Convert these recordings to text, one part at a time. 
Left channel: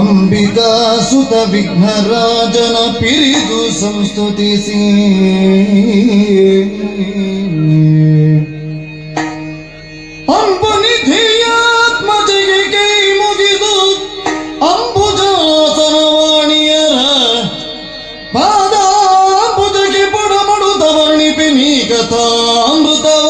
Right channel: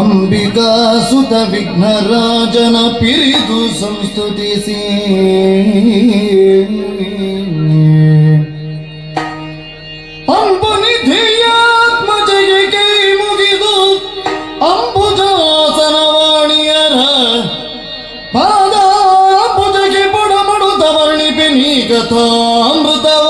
ಅಂಬಿಕಾಸುತ ವಿಘ್ನರಾಜನ ಪಿರಿದು ಸಂಸ್ತುತಿಸಿ ಅಂಬುನಿಧಿಯಾತ್ಮಜಗೆ ಕೈ ಮುಗಿದು ಅಂಬುಜಾಸನವಾಣಿಯರ ಪಾದಾಂಬುಜಕ್ಕೆ ಬುಡಮಡುತ್ತ ವರ್ಣಿಪಿ ನೀ ಕಥಾಮೃತವ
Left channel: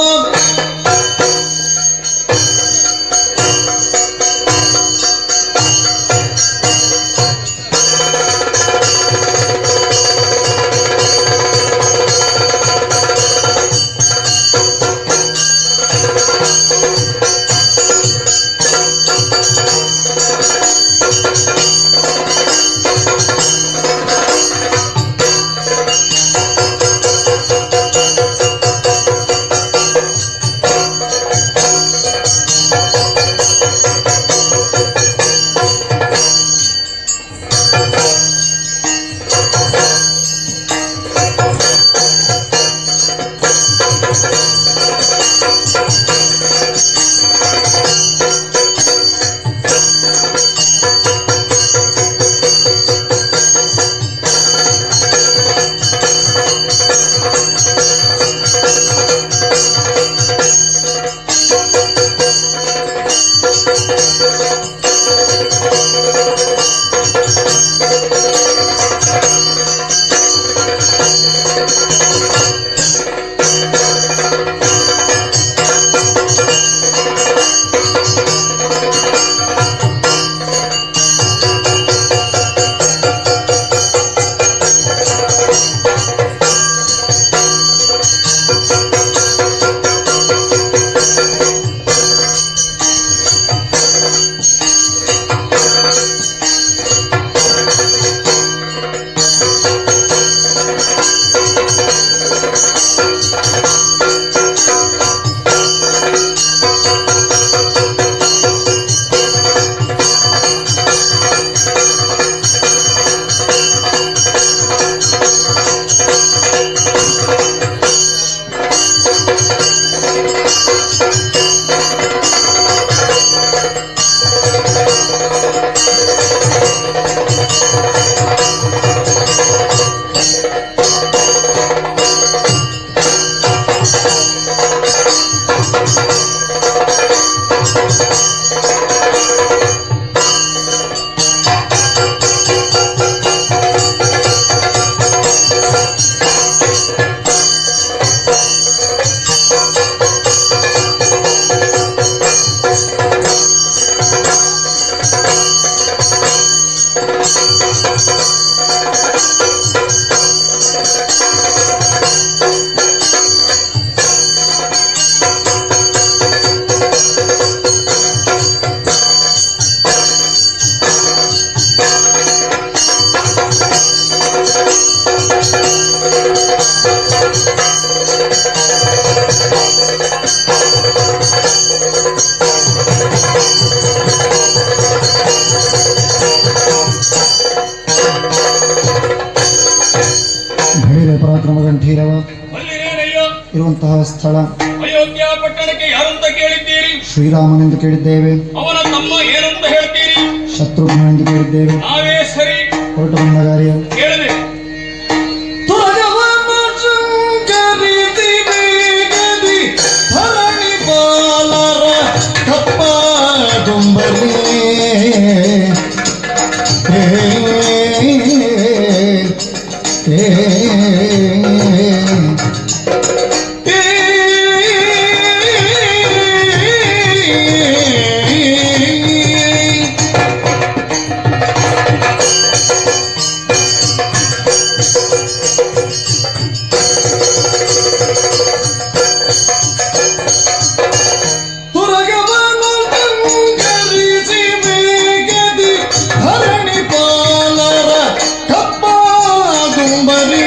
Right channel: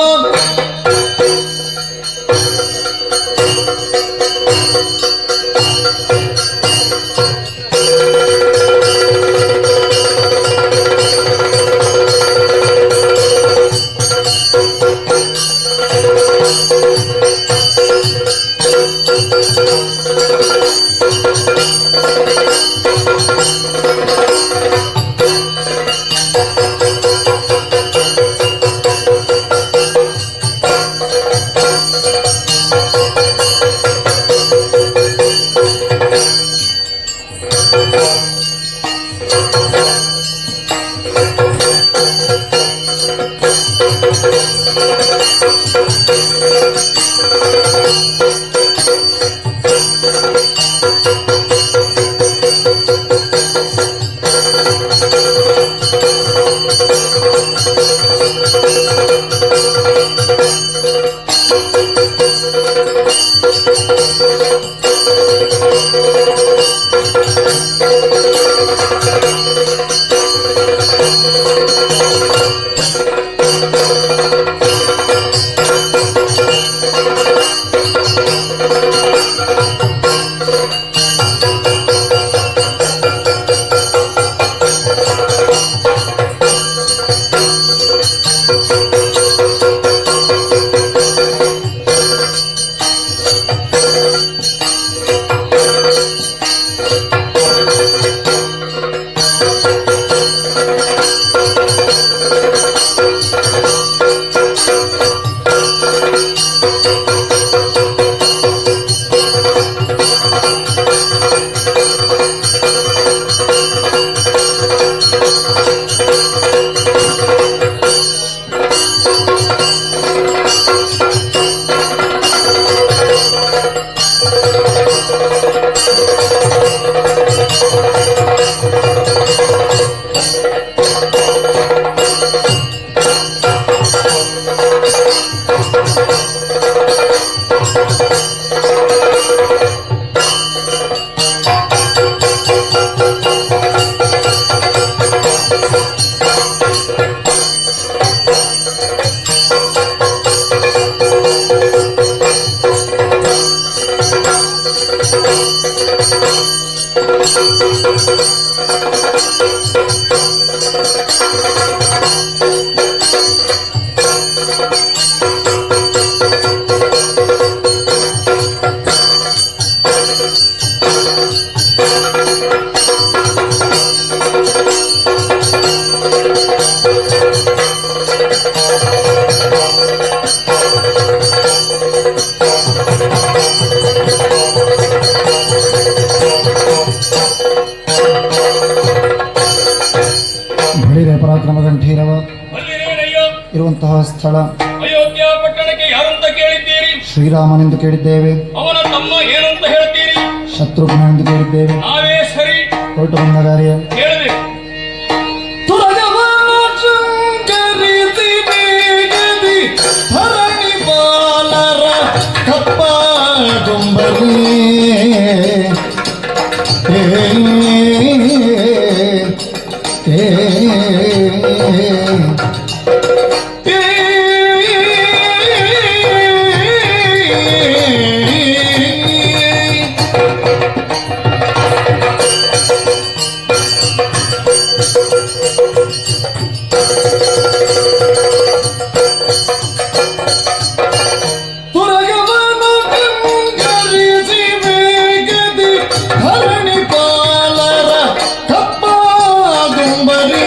ಭೈರವ ಪರಾಕ್ರಮ ಗಂಭೀರವ ಅಲ್ಲಿರೇನಯ್ಯ ಇರುವಂತಹ ಸ್ಥಳ ಅಯೋಧ್ಯ ಪಟ್ಟಣಕ್ಕೆ ಯಾರಂತ ಕೇಳಿದ್ದೀರಿ? ಶ್ರೀರಾಮನೆಂದು ಕೇಳಿದ್ದೇವೆ. ಅವನ ತಮ್ಮ ಏನಂತ ಹೇಳ್ತೀರಿ? ಶತ್ರುಘ್ನೆಂದು ಕೇಳಿದ್ದೇವೆ. ನಾವೇ ಸರಿ ಹೊರಟು ಬಂದಗಾರೆ ಕೇಳದೆ ಧರಣಿ ಪಾಲರ ಕಪ್ಪ ಗೊಂಬರಿ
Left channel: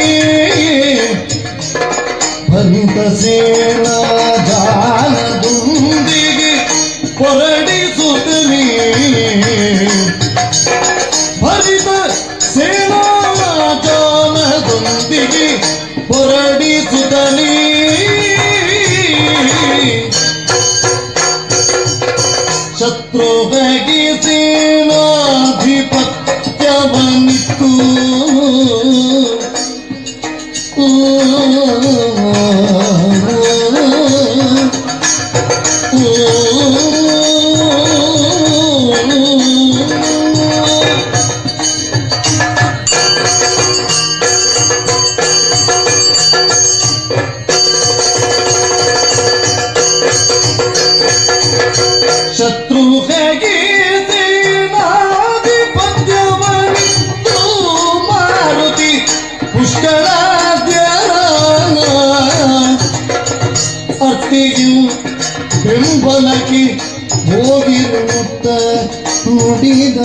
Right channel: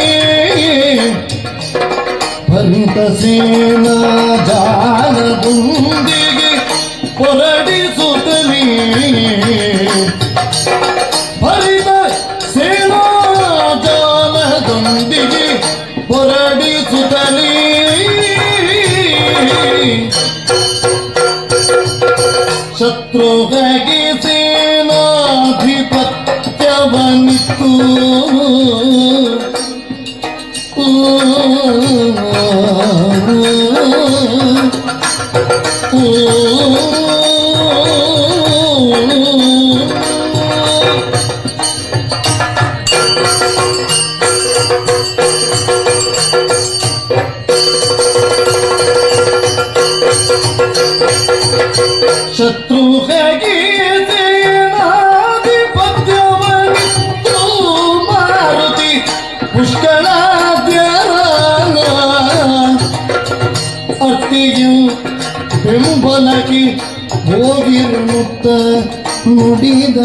ನುಡಿದ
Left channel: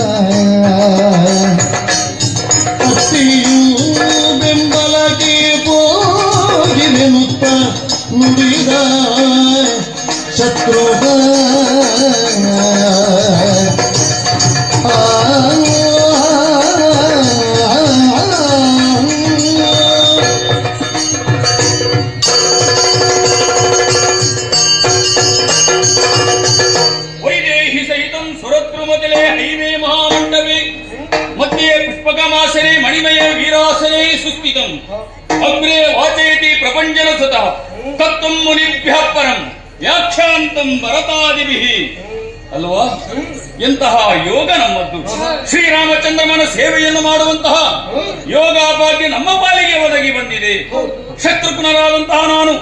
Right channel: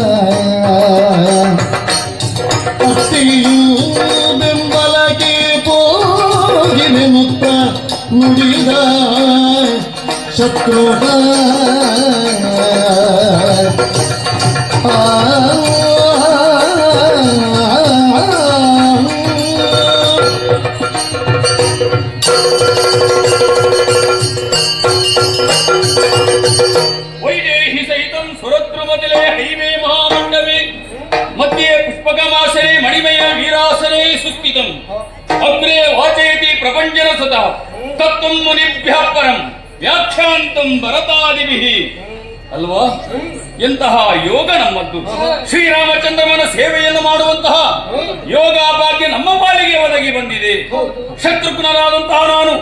ಅತ್ತಿಯೂ ಬೆಂಬಲಕ್ಕೆ ಹೋಗಿದೆ ಮುತ್ತ ನುಡಿದ ಶತ್ರುಗ ವೈದೇಹಿ ಸಹಿತಂ ಸುರದ್ರುಮತಿಲೆ ಹೈಮೇ ಮಹಾಮಂಡವೇ ಮಧ್ಯೆ ಪುಷ್ಪಕಮಾಸನೆ ಮಣಿಮಯ ವೀರಾಸನೆ ಸುಸ್ಥಿತಂ ಅಗ್ರೆ ವಾಚಯತಿ ಪ್ರಪಂಚನ ಸುತಃ ತತ್ವಂ ಮುನಿಭ್ಯಃ ಪರಂ ವ್ಯಾಖ್ಯಾಂತಂ ಭರತಾದಿಭಿಃ. ಅಲ್ವಾ, ಎಂತಹ ಯೋಗ ನಮ್ಮದ್ದು. ಶ್ರೀರಾಮಚಂದ್ರಮನ ಸೇವೆಯನ್ನು ಮಾಡುವಂತಹ ಯೋಗ ಭಾಗ್ಯ ನಮ್ಮ ಪಾಲಿಗೆ ಒದಗಿ ಬಂದಿದೆ. ಶತ್ರುಘ್ನನಾದಂತಹ ನಾನು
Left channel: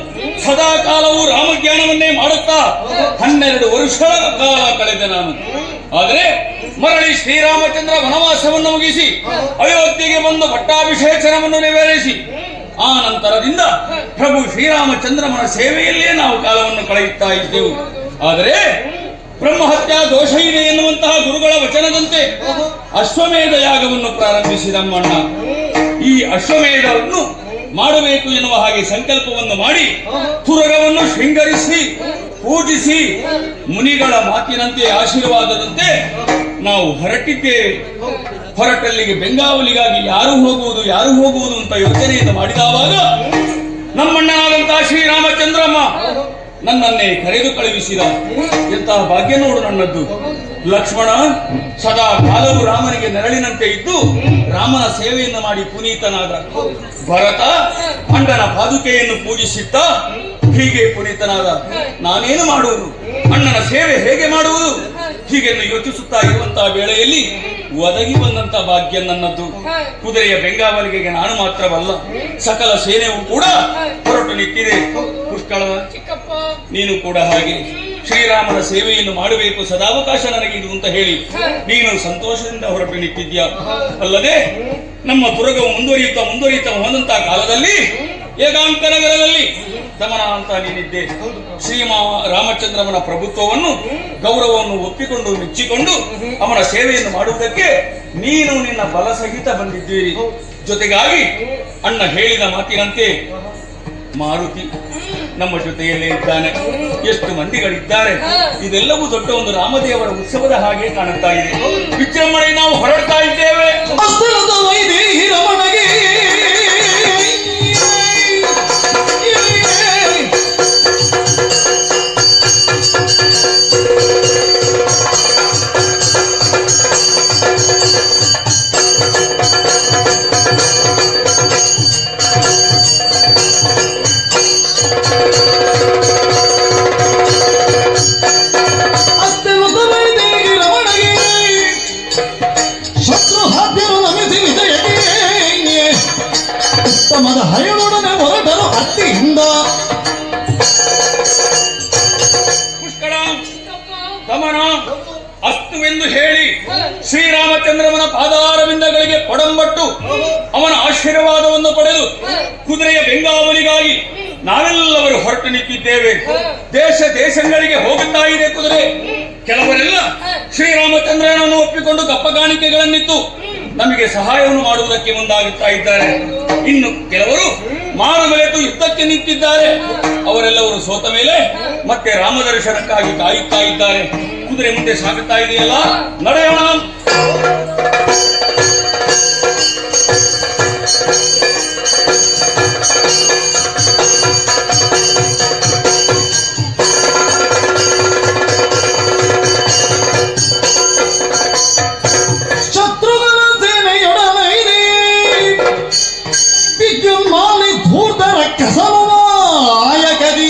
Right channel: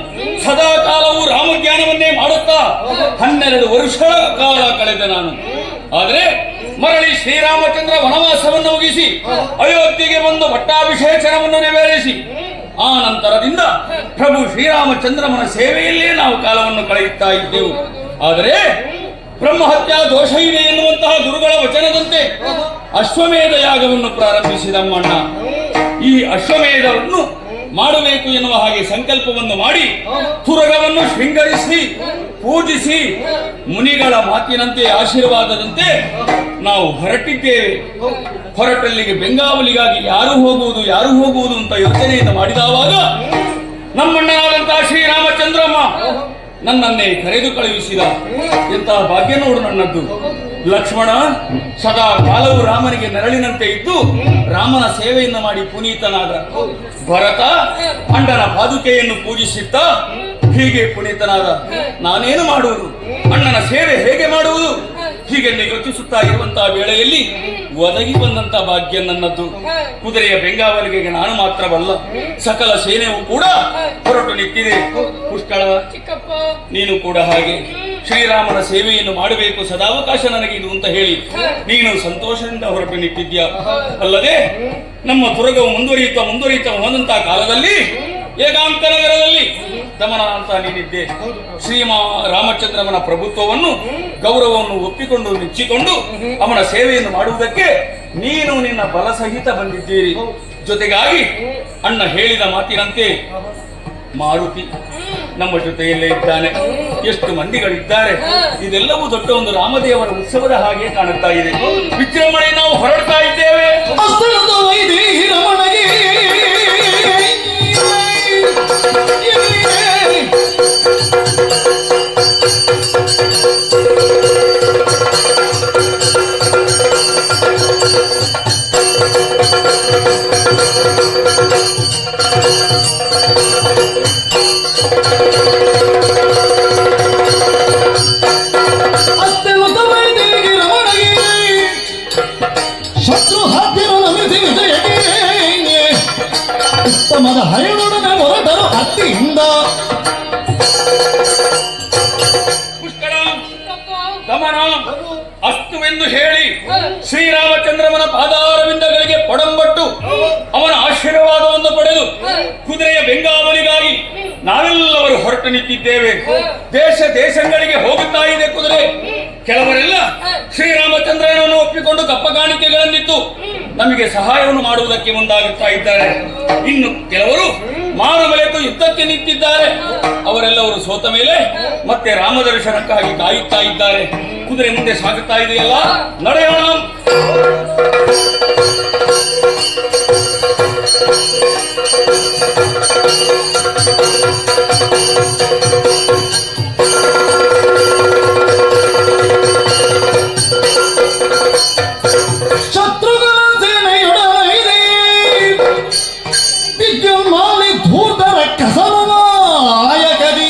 ಸದಾ ಕಾಲವು ರಾಮಜ್ಞಾನವನ್ನೇ ಮಾಡುತ್ತಾ 12 ವರ್ಷಗಳ ಕಾಲ ಕಳೆದ ನಾನು. ಆದರೆ ಮರಳಿ ಶ್ರೀರಾಮಚಂದ್ರ ವನವಾಸವನ್ನು ಮುಗಿಸಿ ಅಯೋಧ್ಯೆಗೆ ಬಂದು ಪಟ್ಟಾಭಿಷೇಚನವನ್ನು ನೆರವೇರಿಸಿ ಆ ನಂತರದಿಂದ ಪ್ರಭು ಶ್ರೀರಾಮಚಂದ್ರಮನ ಸೇವೆಯಲ್ಲೇ ನಾವು ಕಾಲವನ್ನು ಕಳೆಯುತ್ತಾ ಇದ್ದೆವು. ಆದರೆ ಬ್ರಹ್ಮಹತ್ಯಾ ದೋಷ ಇದೆ ಎನ್ನುವಂತಹ ಗುರುಗಳ ವಚನದಂತೆ ಅಶ್ವಮೇಧ ಯಾಗವನ್ನು ಪ್ರಾರಂಭಿಸಿದ ಅಮ್ಮಣ್ಣ. ಈ ಅಶ್ವಮೇಧವನ್ನು ಮಾಡಬೇಕು ಎನ್ನುವ ಹಾಗೆ ಸಂಕಲ್ಪವನ್ನು ಮಾಡಿ ತುರಗವನ್ನು ಶೃಂಗರಿಸಿ ಪೂಜಿಸಿ ಮುನಿಗಳ ಮಾತಿನಂತೆ ಆಶೀರ್ವಾದದಂತೆ ನಾವು ಹೊರಟಿದ್ದೇವೆ. ಹೊರಟಲ್ಲಿಗೆ ಬೆಂಗಾವಲಿಗಾಗಿ ಯಾರು ಹೋಗುವುದು ಅಂತ ಯೋಚನೆಯನ್ನು ಮಾಡಿದವಾಗ ನಮ್ಮಣ್ಣನಾದಂತಹ ಶ್ರೀರಾಮಚಂದ್ರಮ್ಮ ನನ್ನನ್ನೇ ಕರೆದು ಕಳುಹಿಸಿದ. ಎಂತಹ ಭಾಗ್ಯ ನೋಡು ನನ್ನದ್ದು. ಲಕ್ಷ್ಮಣ ಸದಾ ಕಾಲವು ರಾಮನಿಗೆ ನೆರಳಿನಂತೆ ಇದ್ದು ರಾಮನ ಸೇವೆಯನ್ನು ಮಾಡಿ ಪುನೀತನಾದ. ಭರತ ಅಣ್ಣನ ಪಾದುಕೆಯನ್ನು ಪೂಜಿಸಿದ್ದ, ಹೀಗೆ ಪುನೀತನಾದ. ನಾನೇನು ಮಾಡುವುದು, ಅಣ್ಣನ ಸೇವೆ ಹೇಗೆ ಮಾಡುವುದು, ಹೀಗೆಂದು ಯೋಚಿಸುತ್ತಾ ಇರುವಂತಹ ವೇಳೆಯಲ್ಲಿ ಒದಗಿ ಬಂದಂತಹ ಭಾಗ್ಯ ನನ್ನದ್ದು. ಕುದುರೆಯ ಬೆಂಗಾವಲಿಗೆಗೆ ನಾನು ಮಾತ್ರವಲ್ಲ, ಸಕಲ ಸೇನೆಯೂ ಕೂಡ ಹೊರಟು ನಿಂತಿದೆ. ಪುಷ್ಕಳ, ನೀನು ಕೂಡ ಹಾಗೆ ಶ್ರೀರಾಮನ ಸೇವೆಯನ್ನು ಮಾಡಬೇಕು, ಸದಾವಕಾಶ ನನಗಿದು ಅಂತ ಹೇಳಿ ನೀನು ಸಂತೋಷದಿಂದ ಹೊರಟು ನಿಂತಿದ್ಯಾ. ಅಲ್ಲದೆ ನಮ್ಮ ತುರಗವು ಮುಂದುವರಿಯುತ್ತಾ ಹೋದಂತಹ ಕಾಲದಲ್ಲಿ ಏಕಾಂತನಗರದಲ್ಲಿ ದಮನ ಅಂತ ನೀನಿದ್ದೆ. ರಾಮಚಂದ್ರಮನ ಪ್ರಭುತ್ವವನ್ನು ಗೌರವವನ್ನು ಒಪ್ಪಿಕೊಂಡು ಮೆಚ್ಚಿಕೊಂಡು ಅವನ ಸೇವೆಯನ್ನು ಮಾಡುವುದಕ್ಕೆ ನೀನು ನಿನ್ನ ಬಲ ಸಹಿತ ಬಂದಿದ್ದೀರಿ. ಜೊತೆಗಾಗಿ ಅಣ್ಣ ಹೇಳಿದ ಮಾತಿನಂತೆ ಮಾರುತಿ ನಮ್ಮ ಜೊತೆಯಲ್ಲೇ ಇದ್ದಾನೆ. ಎಷ್ಟು ಮಂದಿಗಳಿದ್ದಾರೆ. ಇದೆಲ್ಲವೂ ದೊಡ್ಡ ಒಂದು ರಾಮದೇವರ ಉತ್ಸವದ ಹಾಗೆ ಕಾಣುತ್ತಾ ಇದೆ. ವಿಜೃಂಭಣೆ ನಾವು ಹೊರಡ್ತಾ ಇದ್ದೇವೆ. ಅಸ್ಥಳದ ವೈದೇಹಿ ರಮಣಗೆ ಶತ್ರು ಹಾದ್ಯರು ನಮಿಸಿ ವಿಜಯಕ್ಕೆ ಉತ್ತಮದ ಹರಿನೊಡನೆ ಹೊರಟರು ಹತ್ತಿಯಿಂದ. ಪುಷ್ಕಳ, ದಮನ ಅಸ್ತುವೆಂದು ಹೇಳಿ ಶ್ರೀರಾಮಚಂದ್ರಮನ ಪಾದಾರವಿಂದಗಳಿಗೆ ಪೊಡಂಬಟ್ಟು ಅವನ ಆಶೀರ್ವಾದವನ್ನು ಪಡೆದು ಕುದುರೆಯ ಬೆಂಗಾವಲಿಗಾಗಿ ನಾವೆಲ್ಲವರು ಹೊರಟು ನಿಂತಿದ್ದೇವೆ. ದೇಶಗಳಿಗೆ ಹೋಗುತ್ತಾ ಇದೆ ಕುದುರೆ. ಕೆಲವರೆಲ್ಲ ಶ್ರೀರಾಮಚಂದ್ರನನ್ನು ಒಪ್ಪಿಕೊಂಡು ಕಪ್ಪ ಕಾಣಿಕೆಗಳನ್ನಿತ್ತು ನಮಗೆ ಸಹಾಯವನ್ನು ಮಾಡುವುದಕ್ಕೆ ಮುಂದಾಗುತ್ತಾ ಇದ್ದಾರೆ. ಇನ್ನು ಕೆಲವರು ಮಾರುಮರೆತು ಯುದ್ಧಕ್ಕೆ ನಿಂತಿದ್ದಾರೆ. ಅವರೆಲ್ಲವರು ಸೋತ ಮೇಲೆ ಮತ್ತೆ ರಾಮದರ್ಶನಕ್ಕಾಗಿ ಕಾಯುತ್ತಾ ಇದ್ದಾರೆ. ಕುದುರೆ ಮುಂದೆ ಸಾಗುತ್ತಾ ಇದೆಯಲ್ಲ, ನಡೆಯೋಣ. ಶತ್ರುಗಳ ಸೇನೆಯೊಡನೆ ವಿದ್ಯುನ್ಮಾಲಿ ಧೂರ್ತರ ಕಸಮನಾಯಕದಿ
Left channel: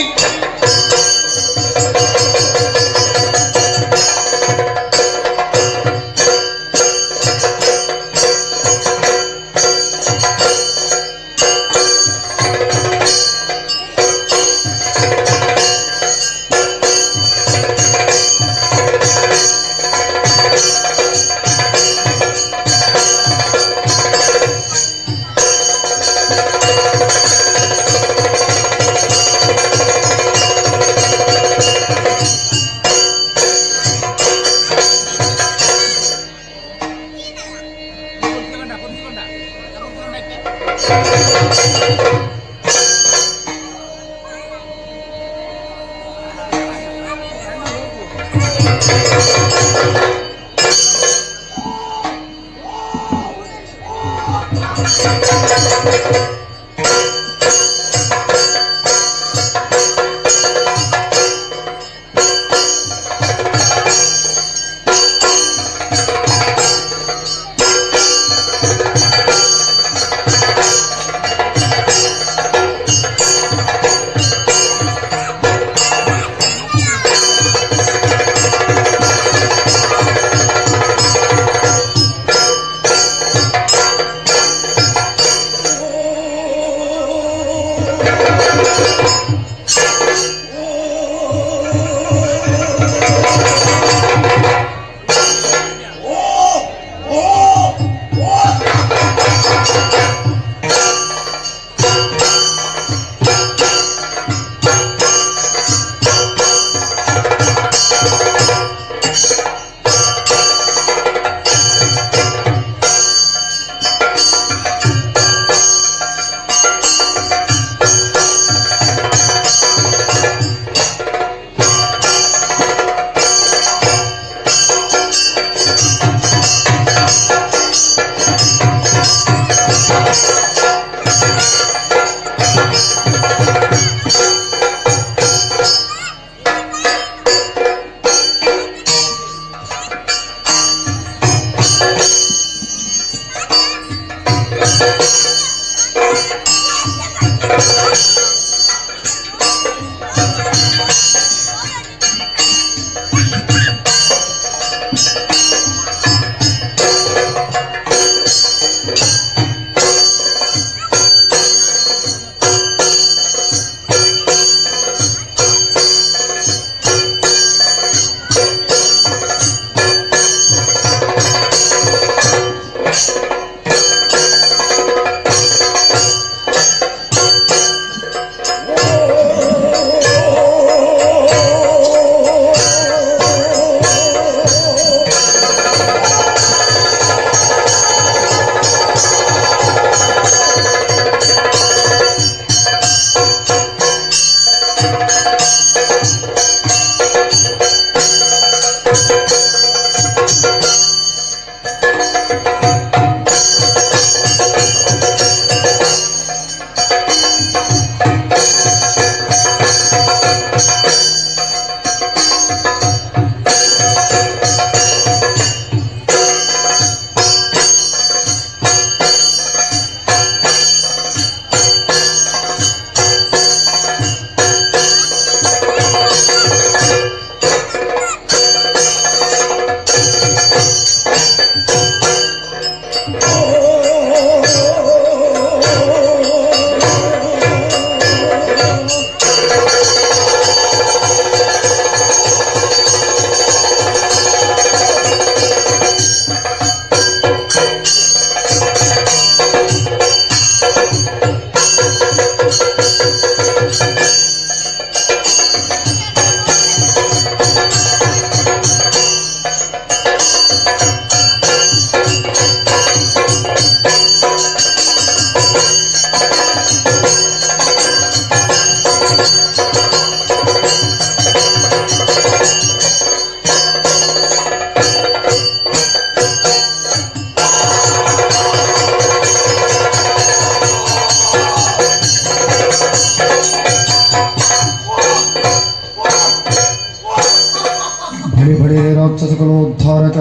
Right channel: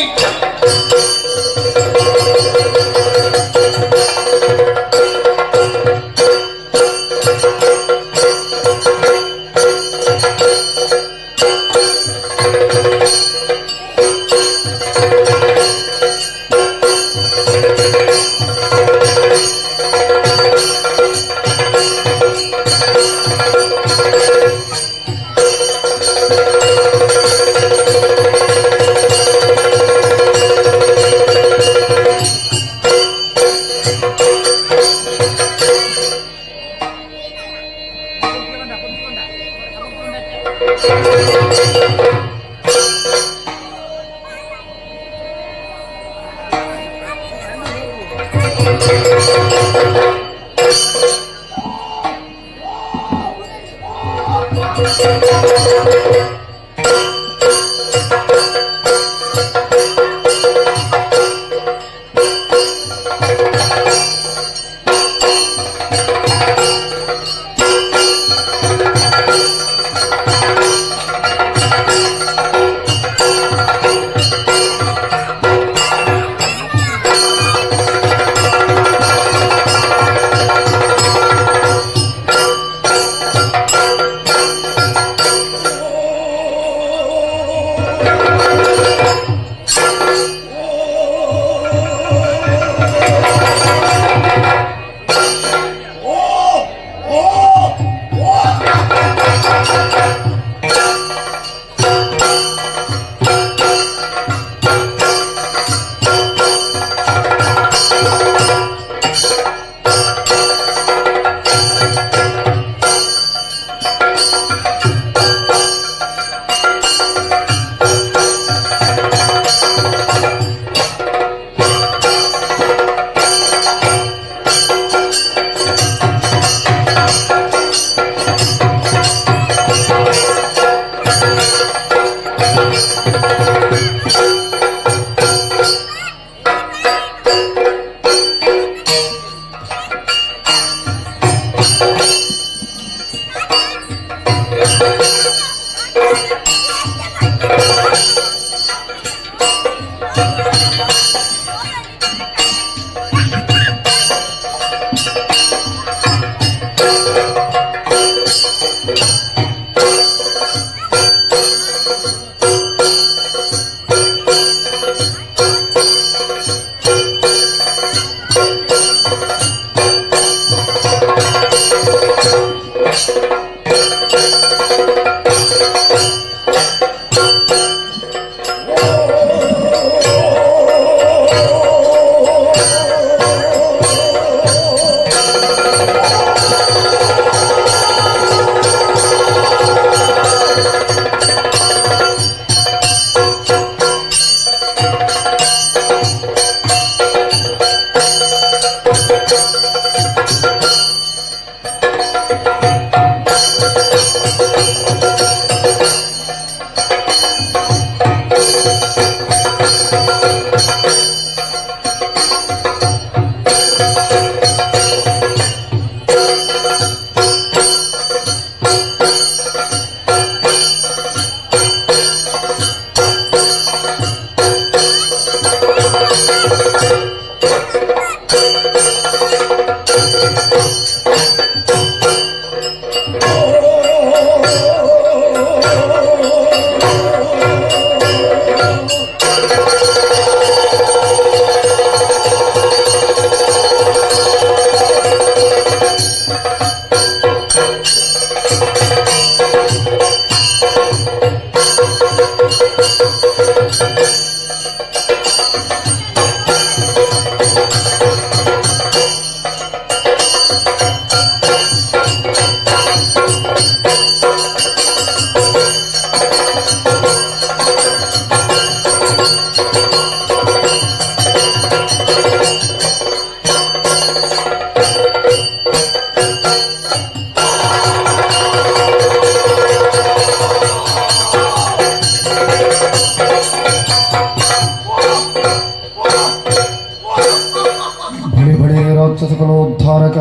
ರಾಕ್ಷಸಗಳೋದ್ಧಾರಕ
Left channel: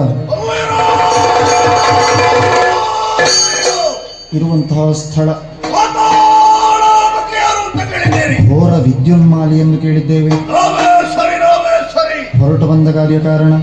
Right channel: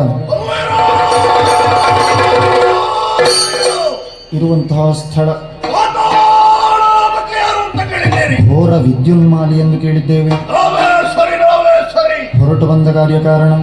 ಇರುವಂತಹ ಸ್ಥಳ ಘೋರ ವಿದ್ಯುನ್ಮಾಲಿಯನ್ನು ಕೇಳಿದ್ದೇವೆ. ಹೊರಟು ಬಂದ ಕಾರ್ಯ ಕಾರಣ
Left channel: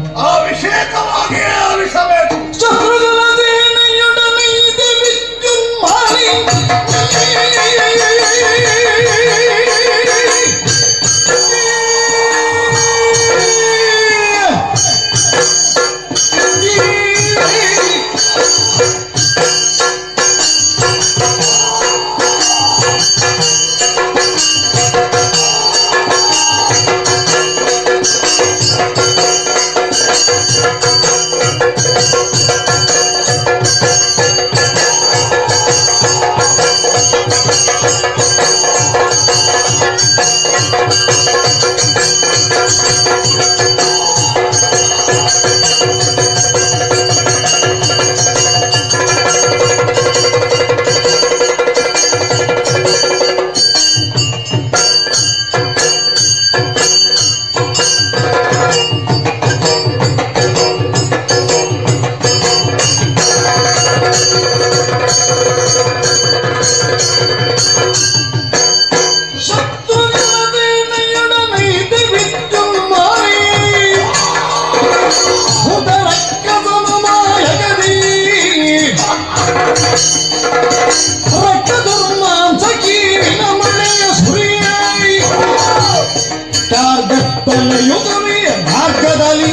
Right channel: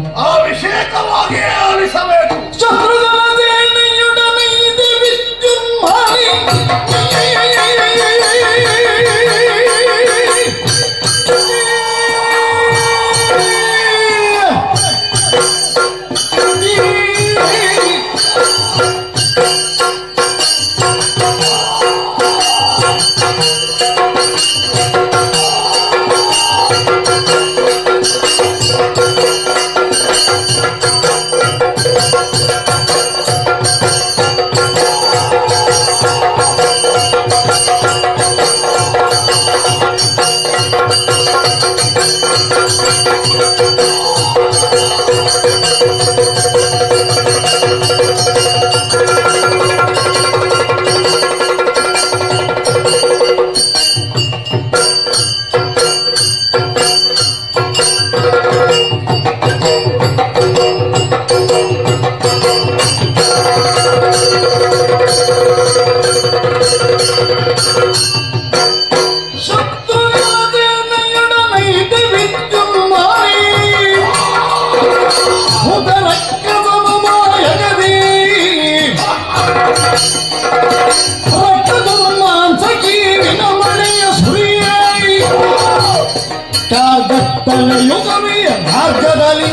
ಕಾರ್ಗತ್ತ ನಡೆಯುತ್ತವೆ ಮಾರ್ಗದಲ್ಲಿ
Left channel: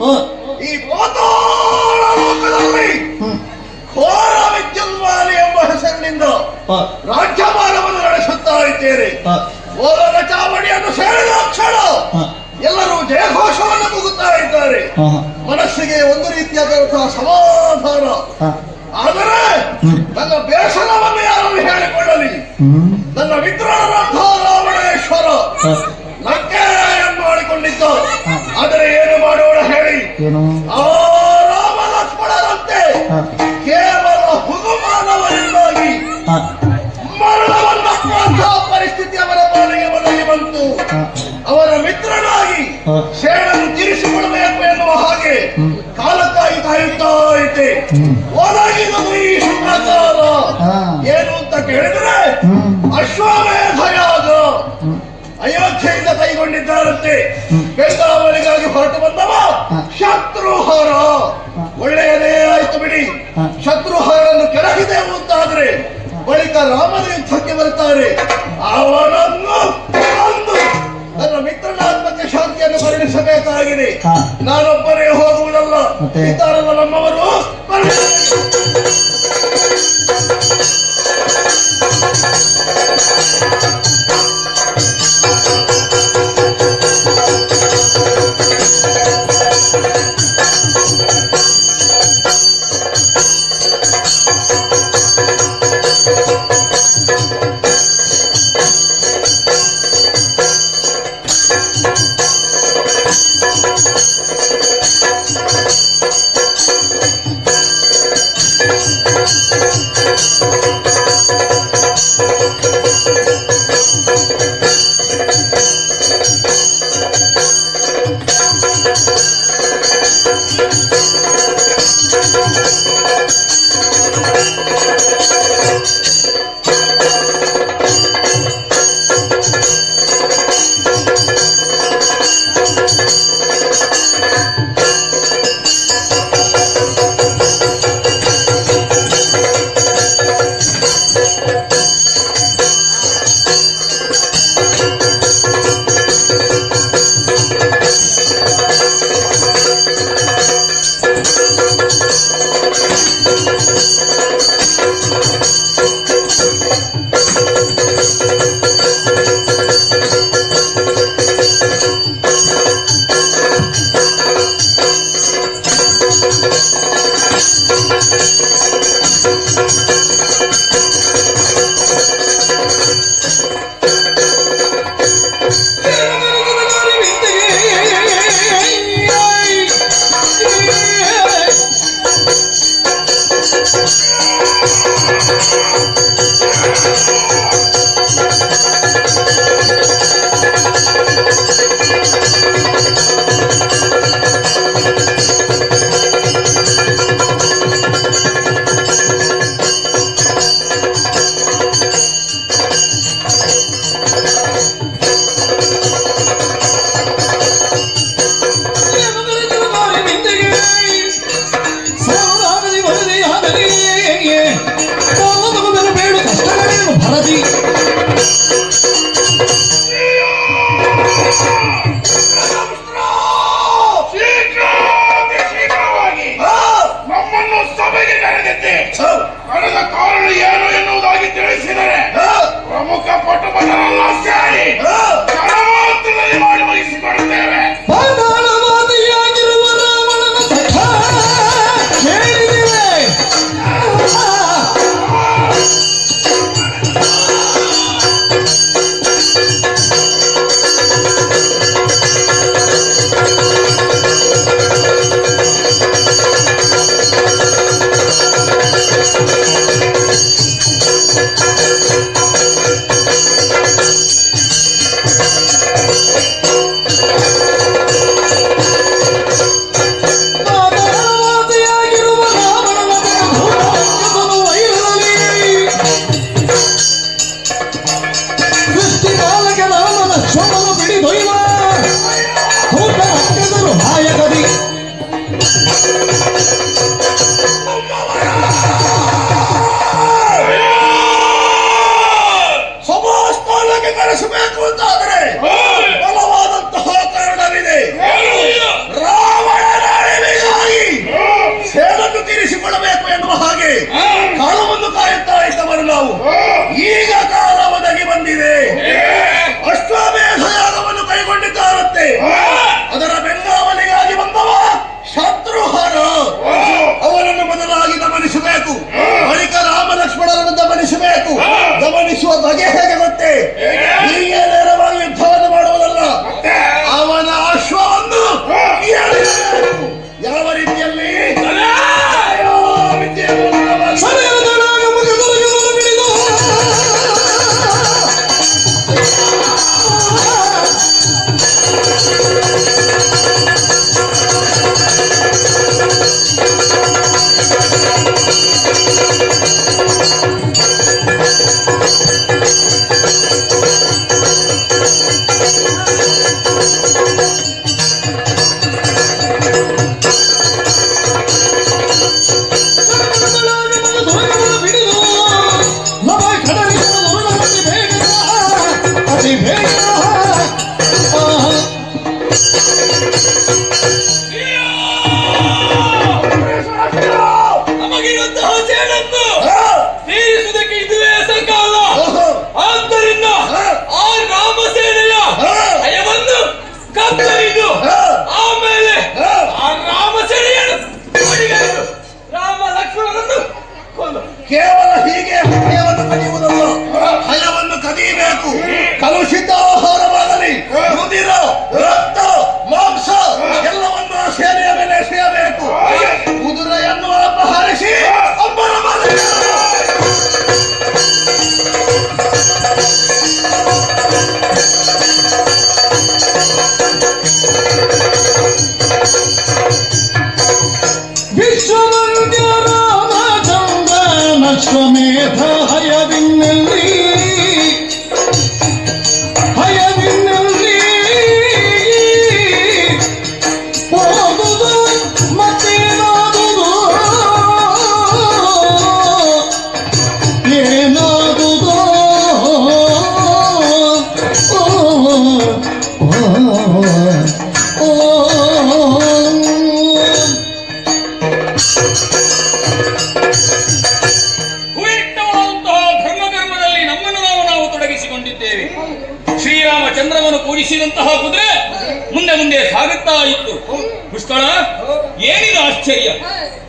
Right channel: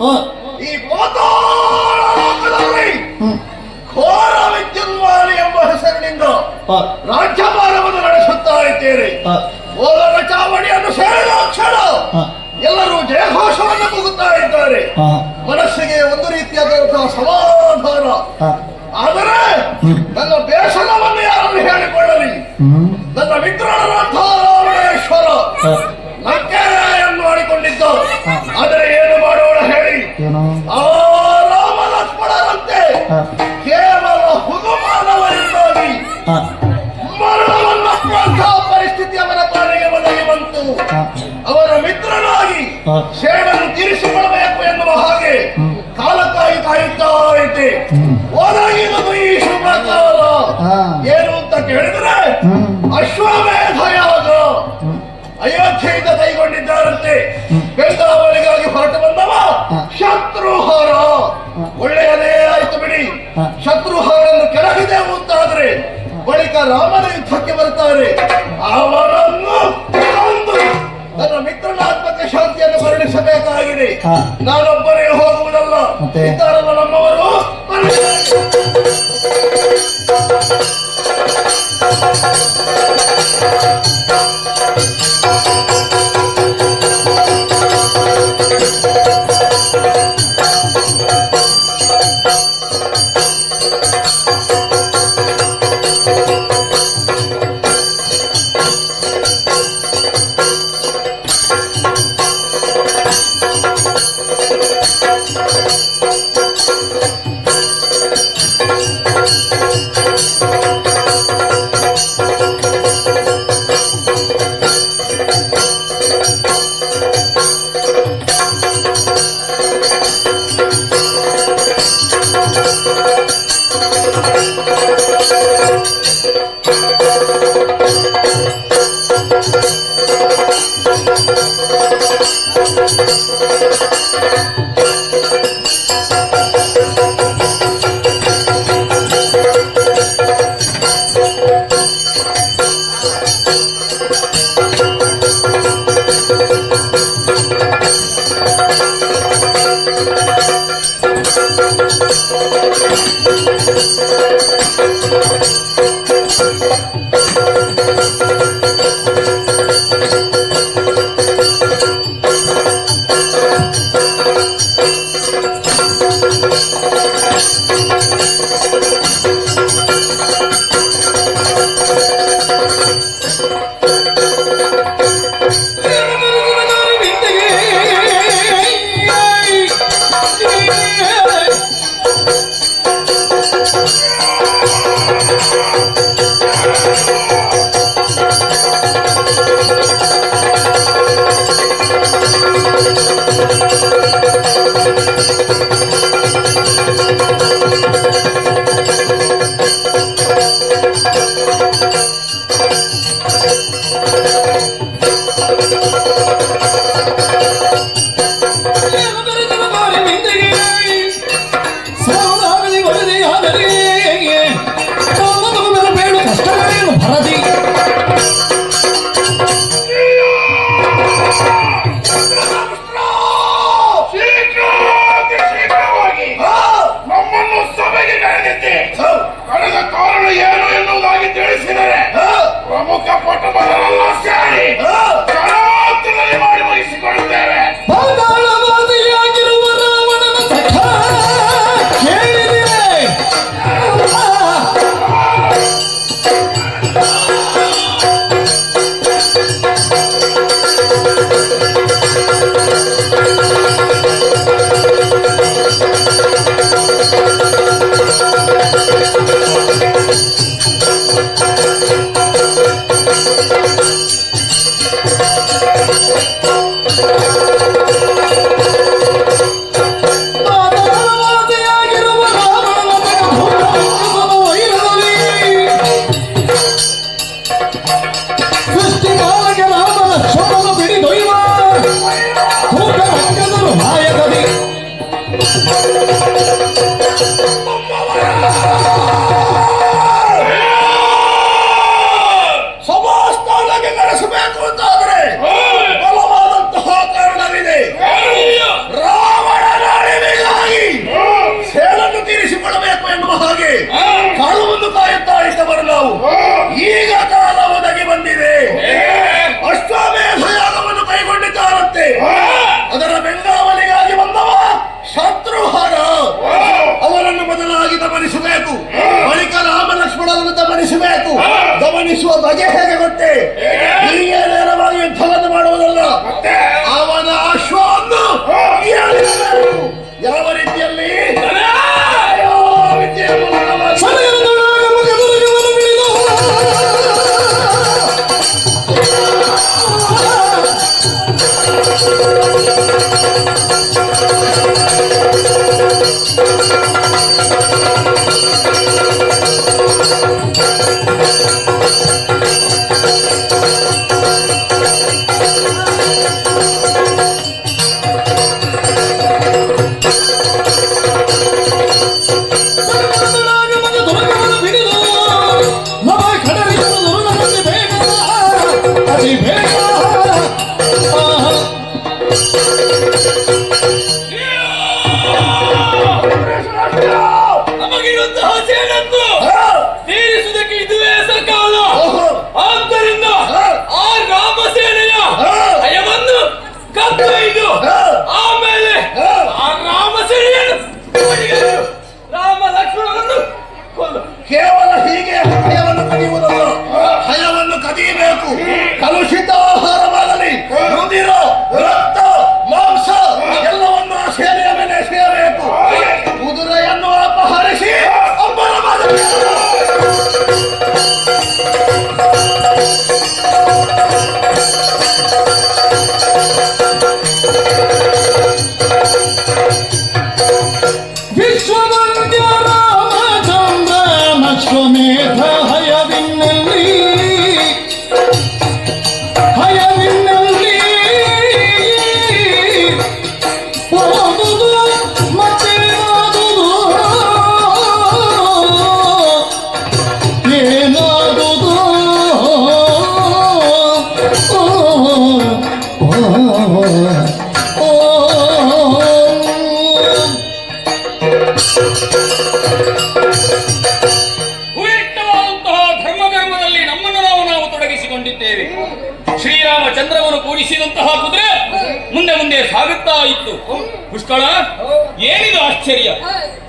ಹ, ಈ ಪಾತಾಳ ಲೋಕದಲ್ಲಿ ಘೋರ ವಿದ್ಯುನ್ಮಾಲಿ ಎಂಬ ಹೆಸರಿನಿಂದ ಹ, ರಾಜ್ಯಭಾರವನ್ನು ನಡೆಸುತ್ತಾ ಇದ್ದೇನೆ. ಹ, ಓಲರ ಚಾವಣಿಯನ್ನು ಸೇರಿದ ಕ್ಷಣ ಹ, ಎಲ್ಲರೂ ಜಯಘೋಷವನ್ನು ಕೂಗುತ್ತಾ ಇದ್ದಾರೆ. ಹ, ಮನಸ್ಸಿಗೆ ಒಂದು ರೀತಿಯಾದಂತಹ ಸಮಾಧಾನ. ಹ, ಆದರೆ ನನ್ನ ಬೇಸರವನ್ನು ಯಾರು ಹೇಳಿಕೊಳ್ಳಲಿ. ಹ್ಮ್, ನನ್ನ ಮಿತ್ರನರಂಥ ರಾವಣೇಶ್ವರ ಹ, ಲಂಕೆಯನ್ನು ಮಾಡಿಕೊಂಡಿದ್ದ. ಆದರೆ ಏನು ಮಾಡೋಣ ಹೇಳಿ, ಏನು ಆ ರಾಮ ಲಕ್ಷ್ಮಣರಂತೆ ಹ, ಕೇವಲ ಹುಗುಮಾನವರಿಂದಾಗಿ ಹ, ಮರಣವನ್ನಪ್ಪುವಂತಹ ಪರಿಸ್ಥಿತಿ ಅವರ ಪಾಲಿಗೆ ಒದಗಿ ಬಂತು. ಹ, ಅವರ ಮಿತ್ರನಾಗಿ ಹ, ಸೇಡನ್ನು ತೀರಿಸಿಕೊಳ್ಳಬೇಕು ಎನ್ನುವ ಹಾಗೆ ಕಾಲಕ್ಕಾಗಿ ಕಾಯುತ್ತಾ ಇದ್ದೆ. ಹ್ಮ್. ಒದಗಿದದು ಈ ಶುಭಕಾಲ. ಹಾ. ಏನು ಅಂತ ಕೇಳಿದ್ರೆ ಹ್ಮ್, ಅಶ್ವಮೇಧ ಯಾಗ ಹ್ಮ್, ಅಯೋಧ್ಯೆಯಿಂದ ಕೈಗೊಂಡಿದ್ದಾರಂತೆ. ಬೆಂಗಾವಲಿಗಾಗಿ ಹೊರಟು ಬಂದವ ಶತ್ರುಹಾರ. ಒಳ್ಳೆಯದೇ ಆಯ್ತು ಬಿಡಿ. ಶತ್ರುಹಾರನ್ನು ಕೆಳಗಿದೆವು ಅಂತಾದ್ರೆ ಬಳಿಕ ರಾಮನ ಯುದ್ಧಕ್ಕೆ ಬರ್ತಾರೆ. ಅವರನ್ನು ಕೊಂದು ನನ್ನ ಮಿತ್ರನ ಆತ್ಮಕ್ಕೆ ಶಾಂತಿಯನ್ನು ಕರುಣಿಸಬೇಕಾಗಿದೆ. ಹಾ. ನಾನೊಬ್ಬರೇ ಹೋಗುವುದಲ್ಲ, ಮತ್ತೆ? ಇದ್ದಾರಲ್ಲ ನಮ್ಮವರು. ಶೀಘ್ರವಾಗಿ ನಮ್ಮನ್ನು ಸಭೆಗೆ ಕರೆದಿದ್ದೆ. ಕರೆದ ಕಾರಣ ಏನು ಎನ್ನುವುದಾಗಿ ತಿಳಿಸಿದರೆ ಪ್ರಮುಖ ಕುಟುಂಬದವರೆಲ್ಲ ಸೇರಿ ಕರಾವತಿನಲ್ಲಿ ಮಾಡಿ ಮುಗಿಸಿಕೊಳ್ತೇವೆ. ಅಮ್ಮವ ನಮಗಿರುವಂತಹ ಸೇನನ್ನು ತೀರಿಸುವುದಕ್ಕೆ ಇದುವೇ ಸಕಾಲ. ಆದ್ದರಿಂದ ಆ ರಾಮ ಸೇನೆಯ ಭಯವನ್ನು ಕತ್ತೊಯ್ದು ಆಮೇಲೆ ಆ ರಾಮ ಸೇನೆಯನ್ನು ರಾಮ ಲಕ್ಷ್ಮಣರನ್ನು ಕೊಂದು ಕೇವಲ ಹೀಗೆ ಭಯವನ್ನು ಕದಿಯುವುದಲ್ಲ, ಭಯವನ್ನು ಕದಿಯಬೇಕು. ಕಲುಷಿತ ಆಹಾರವಾಗಲಿ, ರುಧಿರ, ರಕ್ತ, ಮಾಂಸ ಎಲ್ಲವನ್ನು ಆ ಸೇನೆಯ ಮೇಲೆ ಎಸೆಯಬೇಕು. ಕುದುರೆಯನ್ನು ಅಪಹರಿಸಿ ಒಬ್ಬರ ಅಶ್ವಮೇಧ ಹಯವಿನಲ್ಲಿ ಓದುದು ಮತ್ತೆ ಓದುದು ಏನಾದುದು ಧರ್ಮದಲ್ಲಿ ನಮ್ಮನ್ನು ನಾವು ತೊಡಗಿಸಿಕೊಂಡಿದ್ದೇವೆ. ಶ್ರೀರಾಮಚಂದ್ರವನ್ನು ಕೂಡಿಸಿದಂತಹ ಕುದುರೆ ಮುಂದೆ ಮುಂದೆ ಸಾಗುತ್ತಾ ಇತ್ತು. ಪುಷ್ಕಳ, ಏನಿದು ಆಶ್ಚರ್ಯ!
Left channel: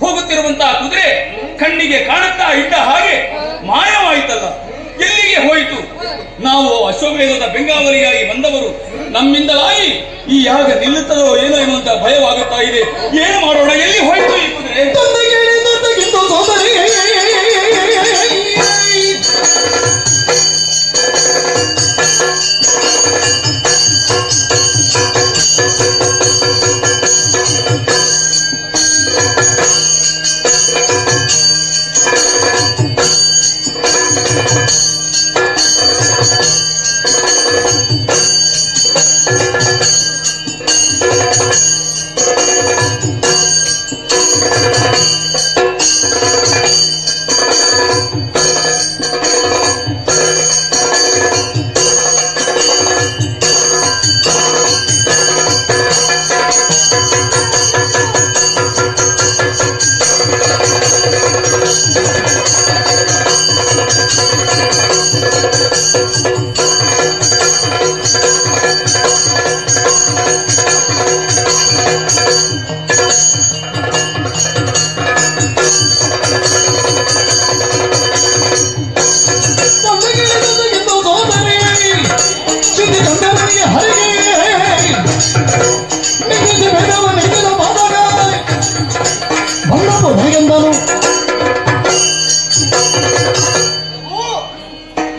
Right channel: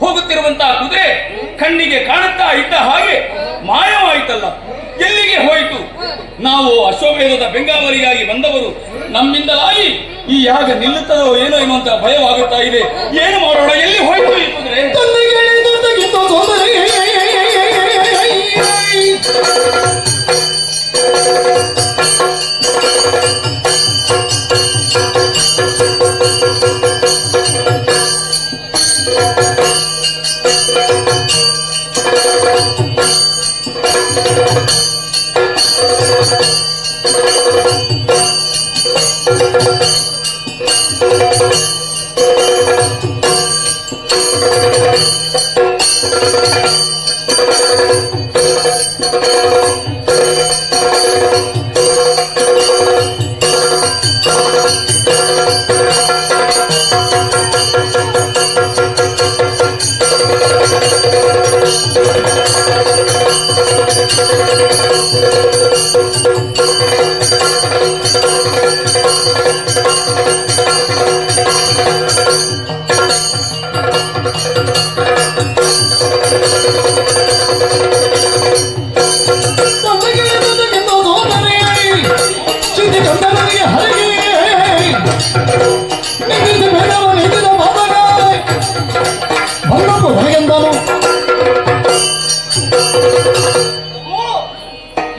ಹೋಗುತ್ತಿರುವಂತಹ ಕುದುರೆ ಕಣ್ಣಿಗೆ ಕಾಣುತ್ತಾ ಇದ್ದ ಹಾಗೆ ಮಾಯವಾಯಿತಲ್ಲ, ಎಲ್ಲಿಗೆ ಹೋಯಿತು? ನಾವು ಅಶ್ವಮೇಧದ ಬೆಂಗಾವಲಿಯಾಗಿ ಬಂದವರು, ನಮ್ಮಿಂದಲಾಗಿ ಈ ಯಾಗ ನಿಲ್ಲುತ್ತದೋ ಏನೋ ಎನ್ನುವಂತ ಭಯವಾಗುತ್ತಾ ಇದೆ. ಏನು ಮಾಡೋಣ? ಎಲ್ಲಿ ಹೋಯಿತು ಈ ಕುದುರೆ?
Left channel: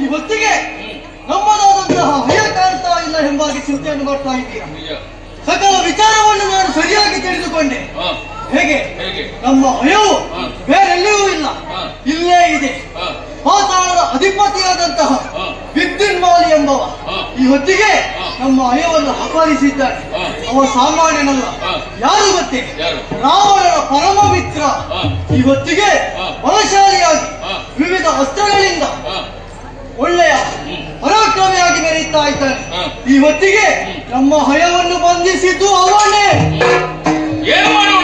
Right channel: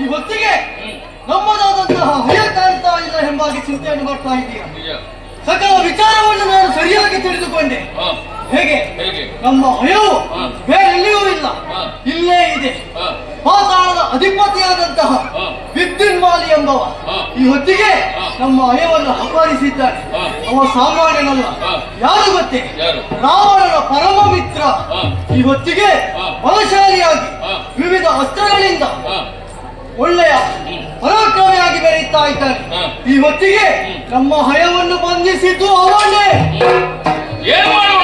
ಈ ಹೊತ್ತಿಗೆ ನಮ್ಮದಾದಂತಹ ಭಯ ಕಾಣ್ತಾ ಇಲ್ಲ ಎಂಬಾಗಿ ಚಿಂತೆಯನ್ನು ಮಾಡ್ತಾ ಇದ್ದೀರಾ. ಸಕಲ ವಿಚಾರವನ್ನು ನಾನು ಸರಿಯಾಗಿ ತಿಳಿದುಕೊಂಡೆ. ಹೇಗೆ? ನಮ್ಮ ಭಯವು ಬೇರೆಲ್ಲಿಯೂ ಇಲ್ಲ, ಇಲ್ಲೇ ಇದೆ. ಪಾತಾಳದ ಅಧಿಪತಿಯಾದಂತಹ ವಿದ್ಯುನ್ಮಾಲಿ ಎಂಬವ ಈ ಹೊತ್ತಿಗೆ ನಮ್ಮ ಭಯವನ್ನು ಅಪಹರಿಸಿದ್ದಾನೆ. ಅವ ಸಾಮಾನ್ಯನಲ್ಲ. ಯಾರು ಗೊತ್ತೇ? ರಾವಣನ ಪರಮ ಮಿತ್ರ. ಈ ಹೊತ್ತಿಗೆ ಬಲಶಾಲಿಯಾಗಿ ವಿವಿಧ ಅಸ್ತ್ರಗಳಿಂದ ಒಳ್ಳೆಯ ಪರಾಕ್ರಮಿಯಾಗಿ ಮೆರೆಯುತ್ತಾ ಇದ್ದಾನೆ. ಈ ಹೊತ್ತಿಗೆ ನಮ್ಮ ಹಯವನ್ನು ಬಂಧಿಸಿದ್ದು ಅವನೇ. ಏನು ಮಾಡೋಣ?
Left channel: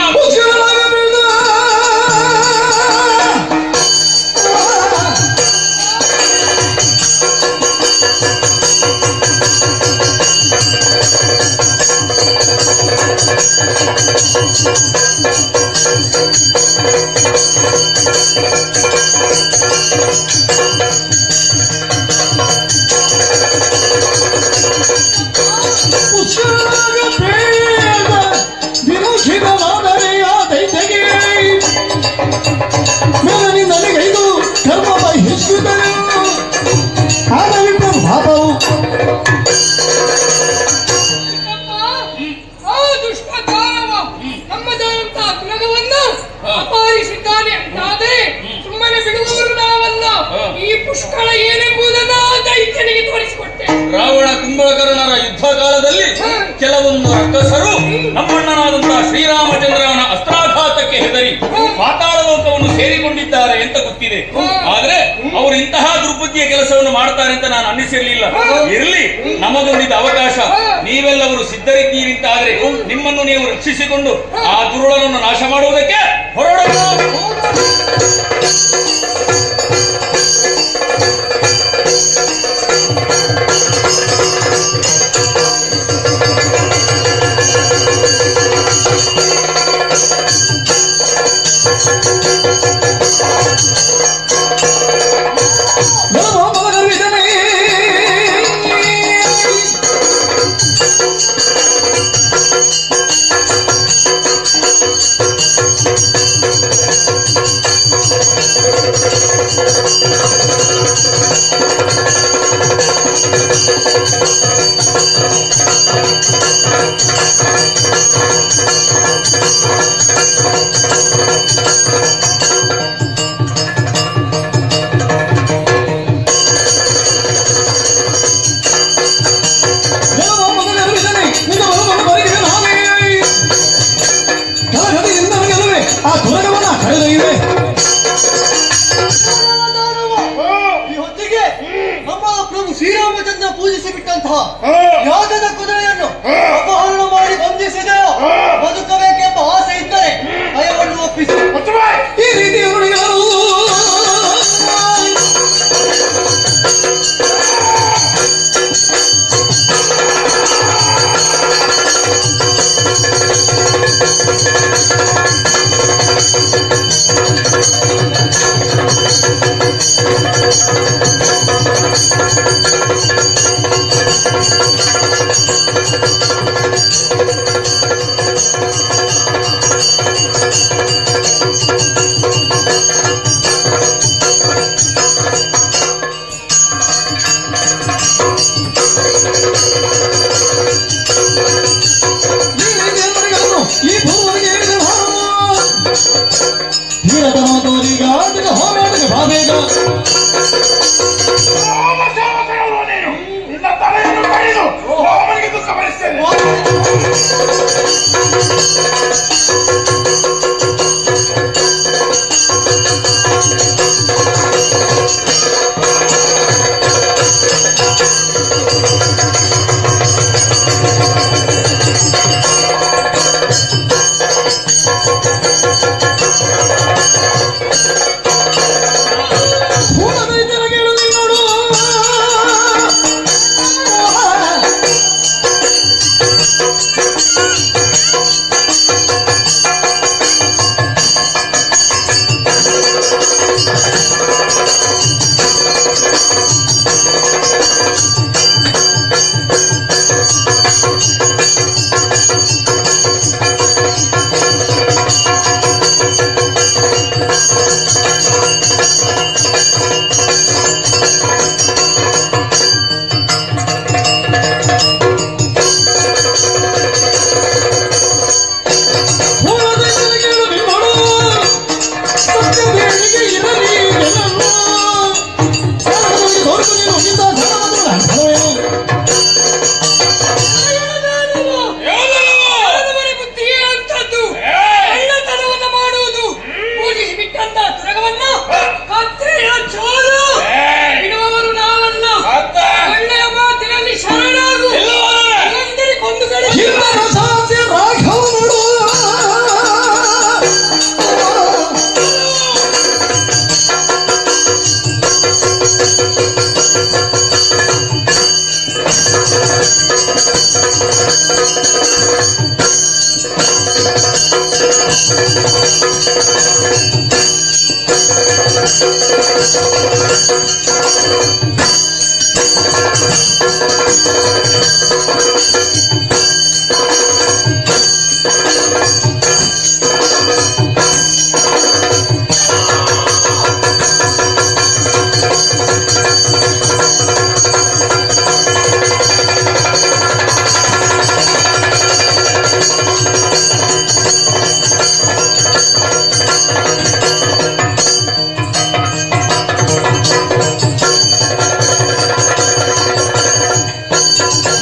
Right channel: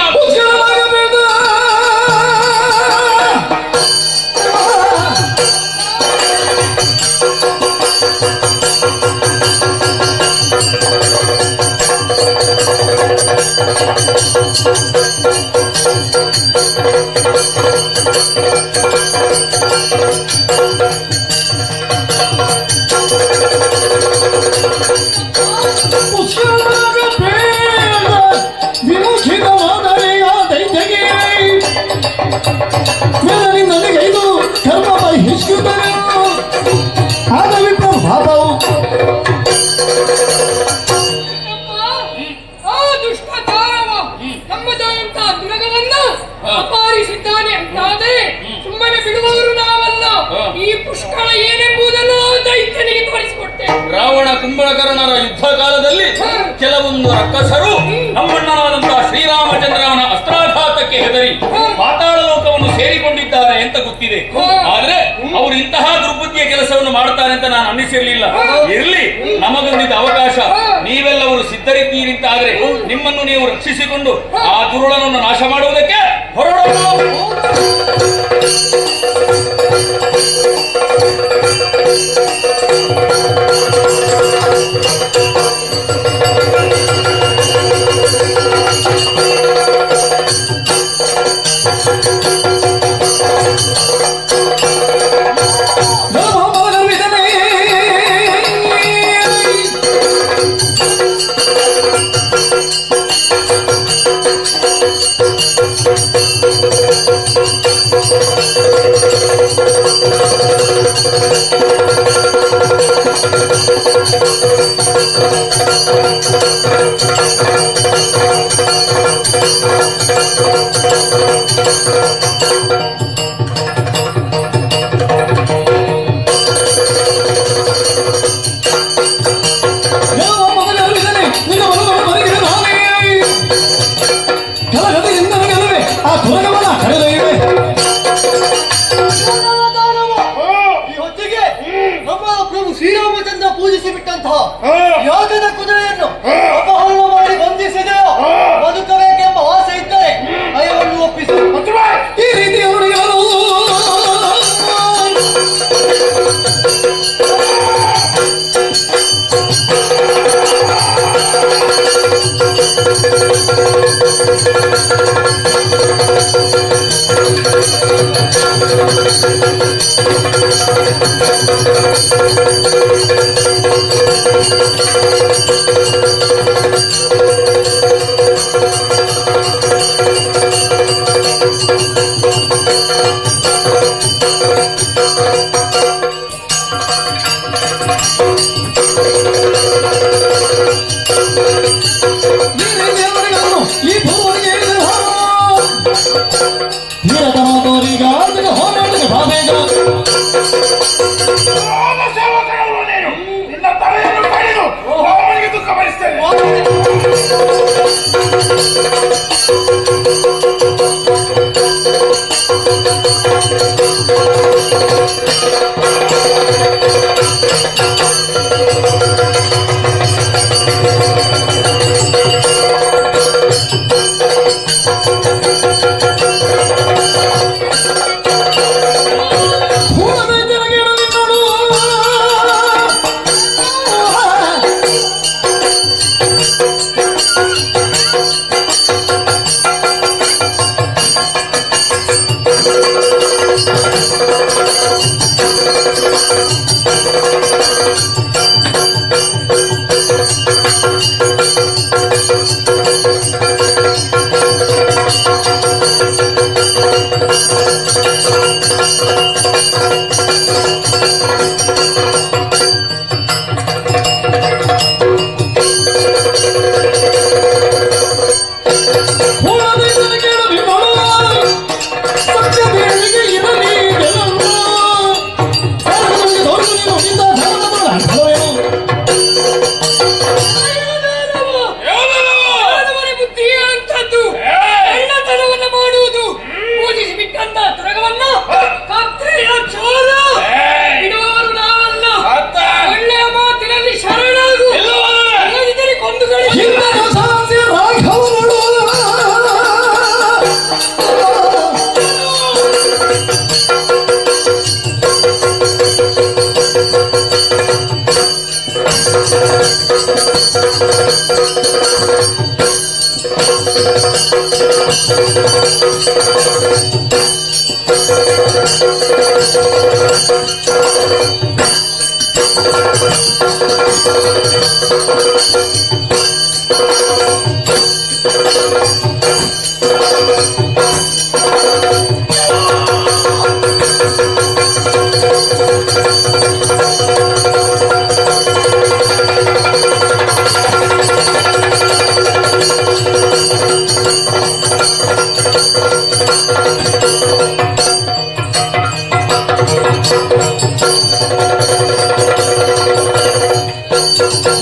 ಧರ್ಮ ಹಿಸ್ಕಿದ್ದರು ಆದ ವಿಪ್ರ ಭಾವವು ದಶರಥರ ಯುದ್ಧ ಕಾಲದಲ್ಲಿ ಕೆಲವೊಂದು ರಕ್ಕಸರು ನಮ್ಮಣ್ಣನಾದಂತಹ ಶ್ರೀರಾಮಚಂದ್ರನ ಅಸ್ತ್ರಾಘಾತಕ್ಕೆ ಹೆದರಿ ಪಾತಾಳ ಲೋಕವನ್ನು ಸೇರಿಕೊಂಡಿದ್ದಾರೆ ಅಂತ ಗೊತ್ತಿದೆ. ಆದ್ರೆ ಅವರು ಇಂತಹ ದುರ್ಬುದ್ಧಿಯ ಕೆಲಸವನ್ನು ಮಾಡ್ತಾರೆ ಅಂತ ನಾನು ಅನ್ನಿಸಿರಲಿಲ್ಲ. ಇರ್ಲಿ, ನಮಗೊಂದಿದ್ದ ಅವಕಾಶ. ನೀವೆಲ್ಲವರು ಸಿದ್ಧರಿದ್ದೀರಿ ಅಂತ ಆದ್ರೆ ನಿಮ್ಮನ್ನು ನೀವು ರಕ್ಷಿಸಿಕೊಂಡು ಆ ದುರುಳನನ್ನು ನಾಶ ಮಾಡುವುದಕ್ಕೆ ಹೊರಡೋಣ. ಈ ಹೊತ್ತಿಗೆ ನಮ್ಮ ಪ್ರಭು ಶ್ರೀರಾಮಚಂದ್ರ ಪೂಜಿಸಿ ಬಿಟ್ಟಂತಹ ಯಾಗದ ಕುದುರೆಯನ್ನು ಅಪಹರಣ ಮಾಡಿ ಬಂಧಿಸಿದೆಯೋ ಬದುಕಬೇಕೆಂಬ ಆಸೆ ಇದ್ದರೆ ಭಯವನ್ನು ಒಪ್ಪಿಸು. ಈ ರೀತಿ ಅವರು ಯಾರು ಈ ಭೂಮಿಗೆ ಧೀರತನೋದೀಗ ಹೋರಾಟದ ಭಾವೇಗ ಸೇವಕರಲ್ಲ ನೀನು. ನಿನ್ನ ತಲೆಯನ್ನು ಕಡಿದು ರಾಮನಿಗೆ ದುಃಖ ಪಡಿಸ್ತೇನೆ.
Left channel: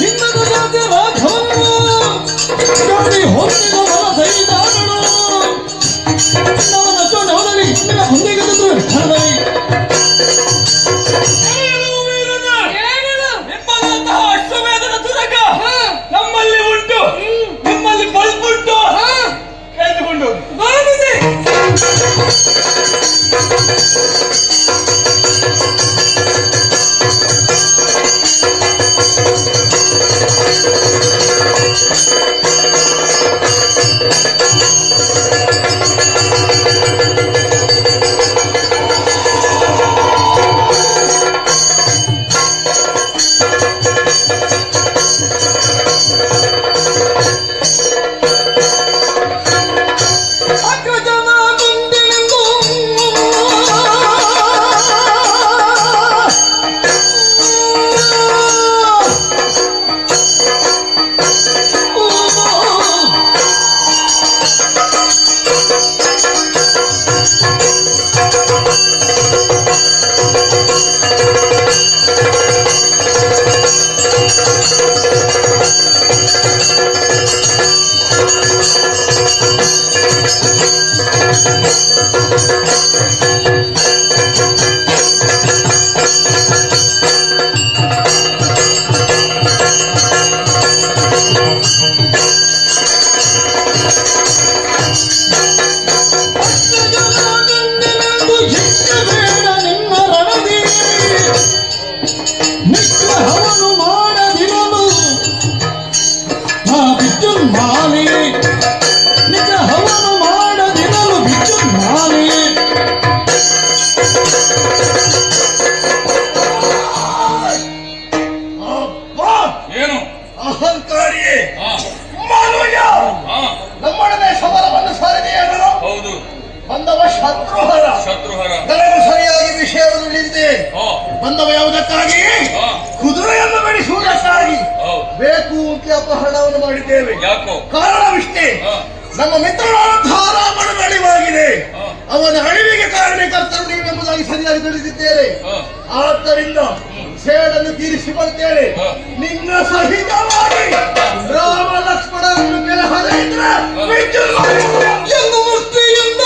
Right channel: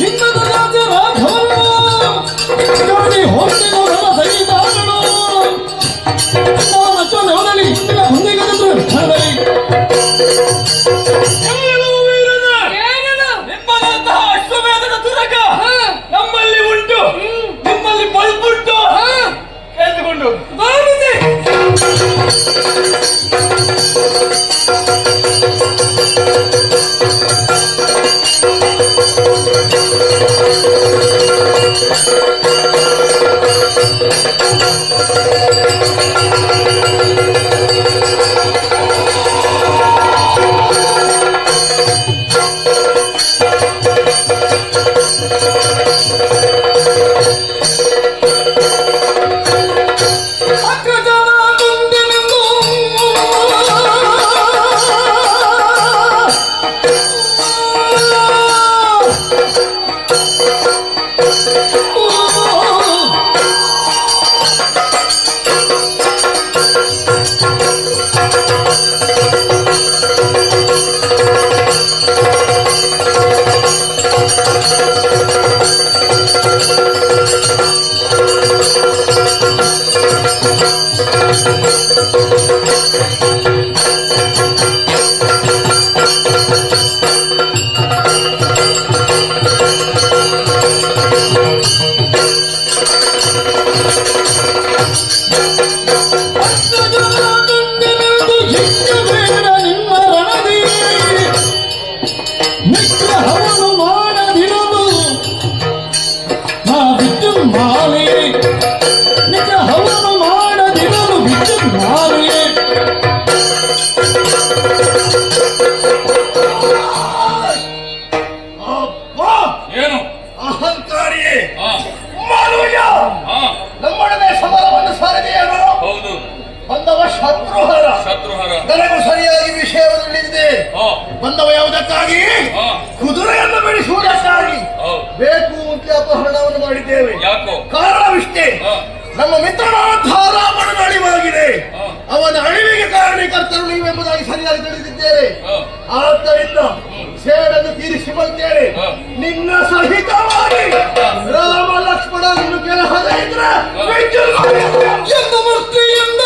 ಇಂಥ ನಿನ್ನದು ರಾಜ್ಯ ರಾಘವನು ನೋಡಿ ಹೊರಟಿನ ನರ ಸೈತಾನನು ನಾನು ನವದಲ್ಲಿ ಇಂದಿನ ಬಂದಿಗದಂದು ವಿಠಲನೇ ಎಲ್ಲವೂ ವೀರನ. ನಿಮ್ಮಂತಹ ಅಶ್ವಮೇಧದ ತುರಕ ನಮ್ಮಲ್ಲಿ ಉಂಟು, ನಿಮ್ಮಲ್ಲಿ ಬಲ್ಪುಂಟು. ಎದ್ದುಕೊಂಡು ಅಗ್ರಜನ ಗುಂಡಿನಿಂದು ನಿಗ್ರಹವನ್ನು ಮಾಡದಿರಲು ವಿದ್ಯುನ್ಮಾಲೆ ನಿಗ್ರಹವನ್ನು ಮಾಡದಿರಲು ವಿದ್ಯುನ್ಮಾಲೆ ಅಬ್ಬಾ! ಏನು? ಅಹಂಕಾರಿಯೇ ಹಾ, ಮಾನವಯ್ಯ ಹಾ, ನಮ್ಮೊಡನೆ ಸಮರವನ್ನು ಸಾರಿದೆಯೇನು ಹೌದು. ಬಂದವ ಶತ್ರುಹರ ಶತ್ರುಹರ. ನನಗೂ ಸರಿಯಾಗಿ ವಿಷಯವನ್ನು ತಿಳಿದಿದೆ. ಹಾ, ಬಂದವ ಯಾವುದಕ್ಕಾಗಿ ಹಾ, ಕುದುರೆಯನ್ನು ಬೆಳೆಸುವುದಕ್ಕಾಗಿ ಹೌದು. ಬೇಕು ಅಂತ ಅಪಹರಣವನ್ನು ಮಾಡಿದ್ದೇವೆ. ಯಾಕೋ? ಕಾರಣವಿಷ್ಟೇ, ಹಾ, ನಮ್ಮ ಮಿತ್ರನಾದಂತಹ ರಾಮನ ಅಳಿವಾಗಿದೆ. ಹಾ, ಅವನ ಅಳಿವಿಗೆ ಕಾರಣಕರ್ತರು ನೀವೆಂಬುದಾಗಿ ಸರಿಯಾಗಿ ತಿಳಿದಿದ್ದೇವೆ. ಹಾ. ಆದ್ದರಿಂದ ಸೇಡನ್ನು ತೀರಿಸಿ ಬರ್ತೇನೆ. ಹಾ. ನಿನ್ನ ಸಹಿತವಾಗಿ ರಾಮ ಲಕ್ಷ್ಮಣರನ್ನು ಕೆಳಹದ ಇದ್ರೆ ಎಂದು ಮುಕ್ತಿಯಿಂದ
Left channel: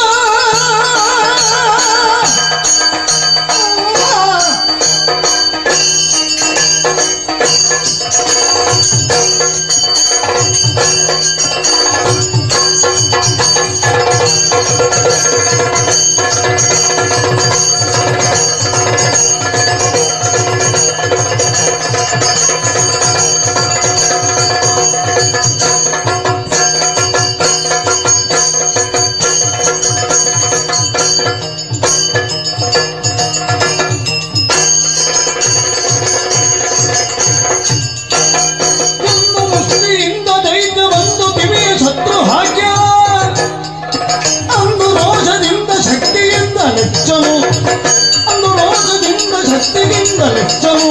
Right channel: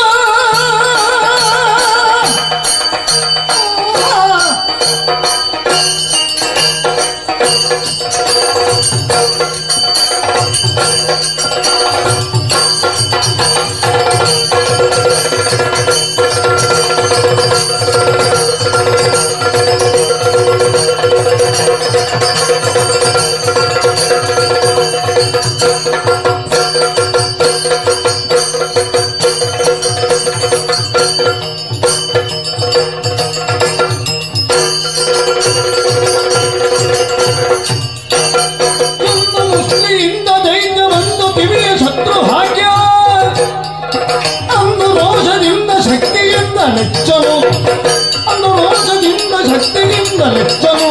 ಎಂದು ಮುಕ್ತಿಯಿಂದ ದೈತ್ಯವನ್ನು ಕಿವಿಯ ಶತ್ರು ಹಾಕ್ಯ ಅಂದು ರೋಷದಿಂದ ಶಕ್ತಿಯಿಂದ ಲೆಚ್ಚನು ಅಂದು ರೋಷದಿಂದ ಶಕ್ತಿಯಿಂದ ಲೆಚ್ಚನು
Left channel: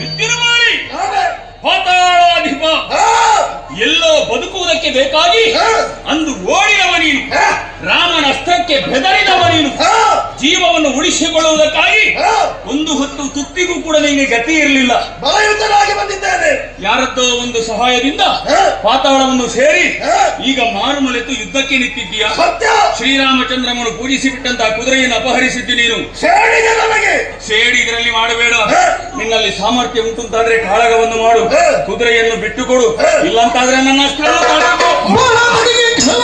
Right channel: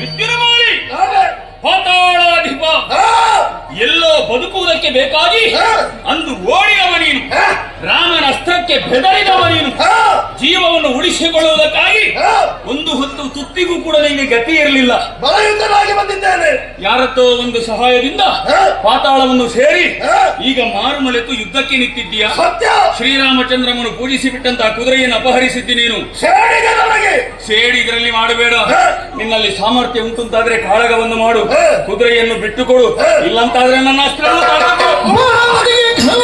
ವಿದ್ಯುನ್ಮಾಲಿ, ಪಾತಾಳಾಧಿಪ, ಎಲ್ಲೋ ಬದುಕುವುದಕ್ಕೆ ಬೇಕಾಗಿ ಅಂದು ಓಡಿದವ ನೀನು, ರಾಮನ ಅಸ್ತ್ರಕ್ಕೆ ಬೆದರಿದವ ನೀನು, ಜೀವವನ್ನು ಉಳಿಸಿಕೊಳ್ಳುವುದಕ್ಕಾಗಿ ಒಂದು ಹೊತ್ತು ತುತ್ತಿಗೂ ಕೂಡ ನಿನಗೆ ಗತಿ ಇರಲಿಲ್ಲ. ಬಲಯುತನಾಗಿ ಬಂದಿದ್ದೇನೆ. ಯಾರದ್ದೋ ಒಂದು ಸಹಾಯದಿಂದ ಪಾತಾಳವನ್ನು ಸೇರಿ ಈಗ ಮಾರುಮಲೆತು ಯುದ್ಧಕ್ಕೆ ನಿಂತಿದ್ದೀಯ. ಸತ್ಯ ಶ್ರೀರಾಮಚಂದ್ರನನ್ನು ಪೂಜಿಸಿ ಬಿಟ್ಟಂತಹ ಕುದುರೆಯನ್ನು ಅಪಹರಿಸಿದ್ದಿ ನೀನು. ಸೇಡಿದೆ ನನಗೆ. ಸೇಡಿ ಇದರಲ್ಲಿ ಮಾಡಬೇಡ. ನಿನ್ನಲ್ಲಿ ಸಾಮರ್ಥ್ಯ ಉಂಟುಂತಾದ್ರೆ ಕಾಳಗವನ್ನು ಮಾಡು, ಕುದುರೆಯನ್ನು ಬಿಟ್ಟುಕೊಡು. ಇಲ್ಲಂತಾದ್ರೆ ನನ್ನ ಅಸ್ತ್ರವನ್ನು ತಾಕುಕೋ. ಮೊಳಲಿಗೆ ಘನ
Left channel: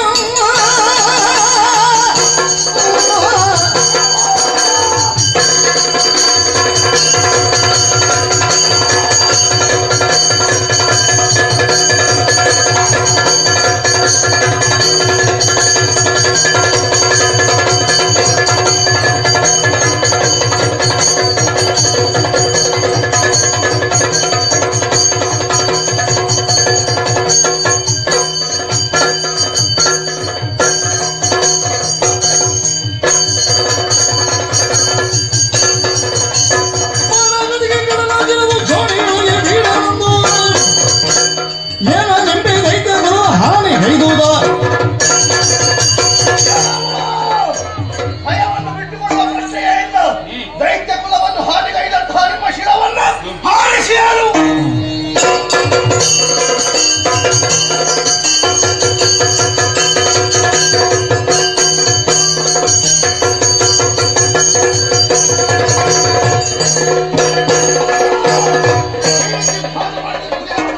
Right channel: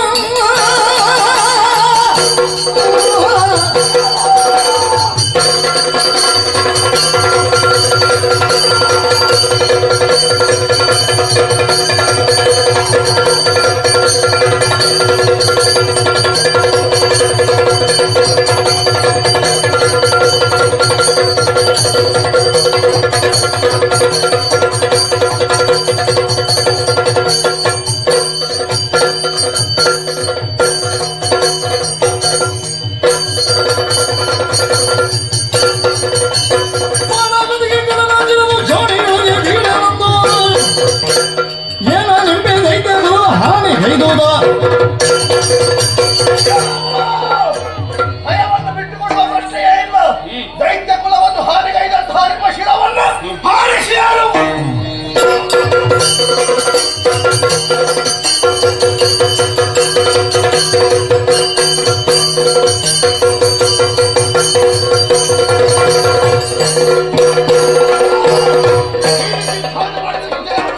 ಭಯವನ್ನು ಬಿಟ್ಟುಕೊಡುವ ಪ್ರಶ್ನೆಯೇ ಇಲ್ಲ. ದೈತ್ಯ ಕುಲವನ್ನು ಹಾನಿಗೈದಂತಹ ನಿಮ್ಮ ಶಿರವನ್ನು ಹಾರಿಸಿ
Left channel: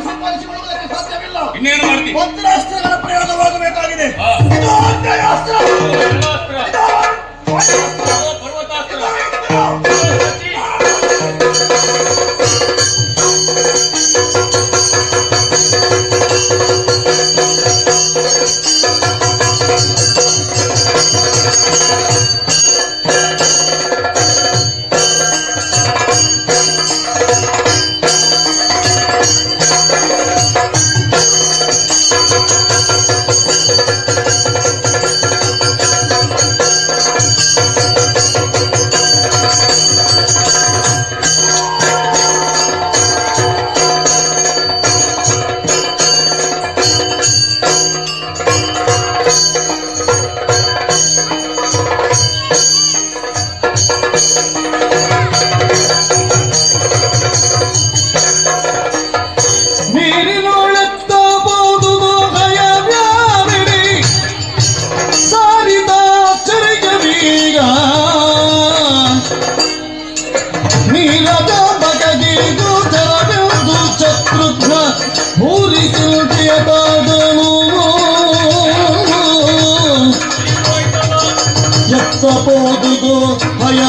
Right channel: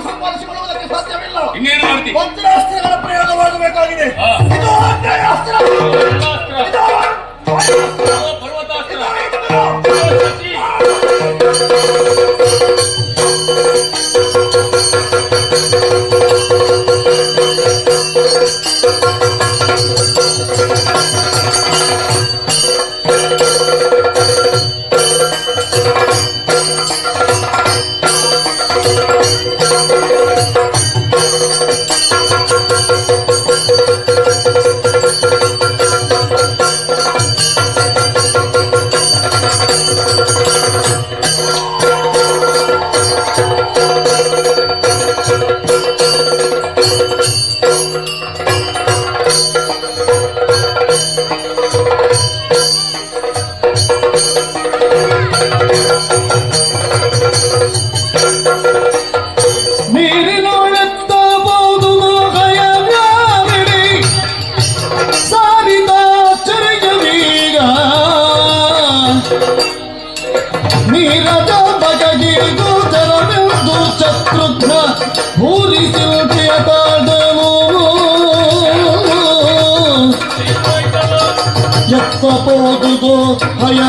ಸಂಪಾದಿಸಿಕೊಳ್ಳುವುದಕ್ಕೆ ಸಾಧ್ಯವಿಲ್ಲ. ಇನ್ನೇನು ಮಾಡ್ತಿ? ವಜ್ರಾಸ್ತ್ರಗಳ ಪ್ರಯೋಗವಾಗಬೇಕಾಗಿದೆ. ಹಾ. ಇದು ಆಗ್ನೇಯಾಸ್ತ್ರ. ಪರ್ವತಾಸ್ತ್ರ. ನೀರಿನೊಳೆತ್ತಬಹುದು ಮೋಹಯವ್ಯಾವಿಡಿ ಸಾರಿದ ಚರಿಗವೀರ ನೀರದ ಬಗೆಗೆ ಗೋಚರವೆಂದು ಶತ್ರುಘ್ನ ಭೂರಿಸಿ ಮುಟಿಯ ಕಾದನು ಎತ್ತಬೋದುಗೋ ಭಯ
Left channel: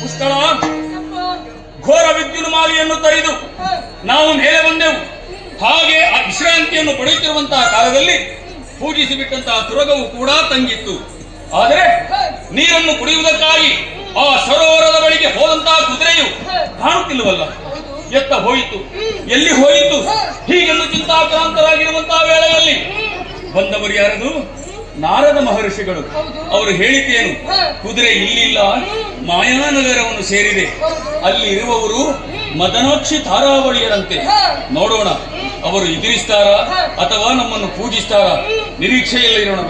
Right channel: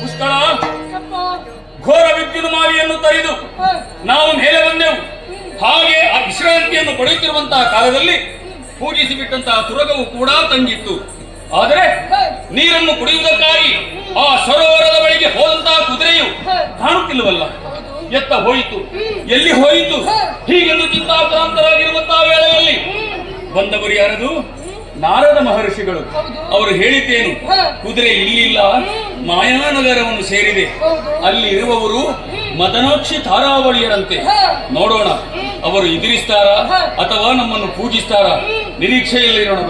ಪುಷ್ಕಳ ಘೋರ ವಿದ್ಯುನ್ಮಾಲಿಯನ್ನು ತೊರೆದು ನಾವು ಮೇಲೆ ಬಂದೆವು. ಹಾಗೆ ಆ ವಿಶ್ರಾಂತಿಯನ್ನು ಪಡೆಯುತ್ತಿರುವಂತಹ ಕಾಲದಲ್ಲಿ ಪೂಜಿಸಿ ಬಿಟ್ಟಂತಹ ತುರಗವು ಕೂಡ ತಂಗಿತ್ತು. ಆದರೆ ನೀರನ್ನು ಕುಡಿಯುವುದಕ್ಕಾಗಿ ಆ ಸರೋವರದ ಬಳಿಗೆ ಹೋದಂತಹ ಕುದುರೆಯು ಕಾಣುತ್ತಿಲ್ಲವಲ್ಲ. ಎತ್ತ ಹೋಯಿತು, ಎಲ್ಲಿ ಹೋಯಿತು ಹೀಗೆಂದು ಚಿಂತಾಕ್ರಾಂತರಾಗಿರುವಂತಹ ವೇಳೆಯಲ್ಲಿ ಬಂದವರು ಯಾರದು? ನಾರದ ಮಹರ್ಷಿಗಳು. ಅವರು ಹೇಳಿದ್ದೇನು? ಕುದುರೆ ಇಲ್ಲಿಲ್ಲ, ಮಾಯಾನಗರವನ್ನು ಸೇರಿದೆ. ಅಲ್ಲಿ ಇರುವವರು ಮದನಾಕ್ಷಿ ತಾರಾವಳಿಯರಂತೆ. ನೋಡೋಣ ಅವರು ಎದುರಿಸ್ತಾರಾ ಅಥವಾ ನಮ್ಮನ್ನು ಪೂಜಿಸ್ತಾರಾ? ನಿರೀಕ್ಷೆಯಲ್ಲಿರೋಣ.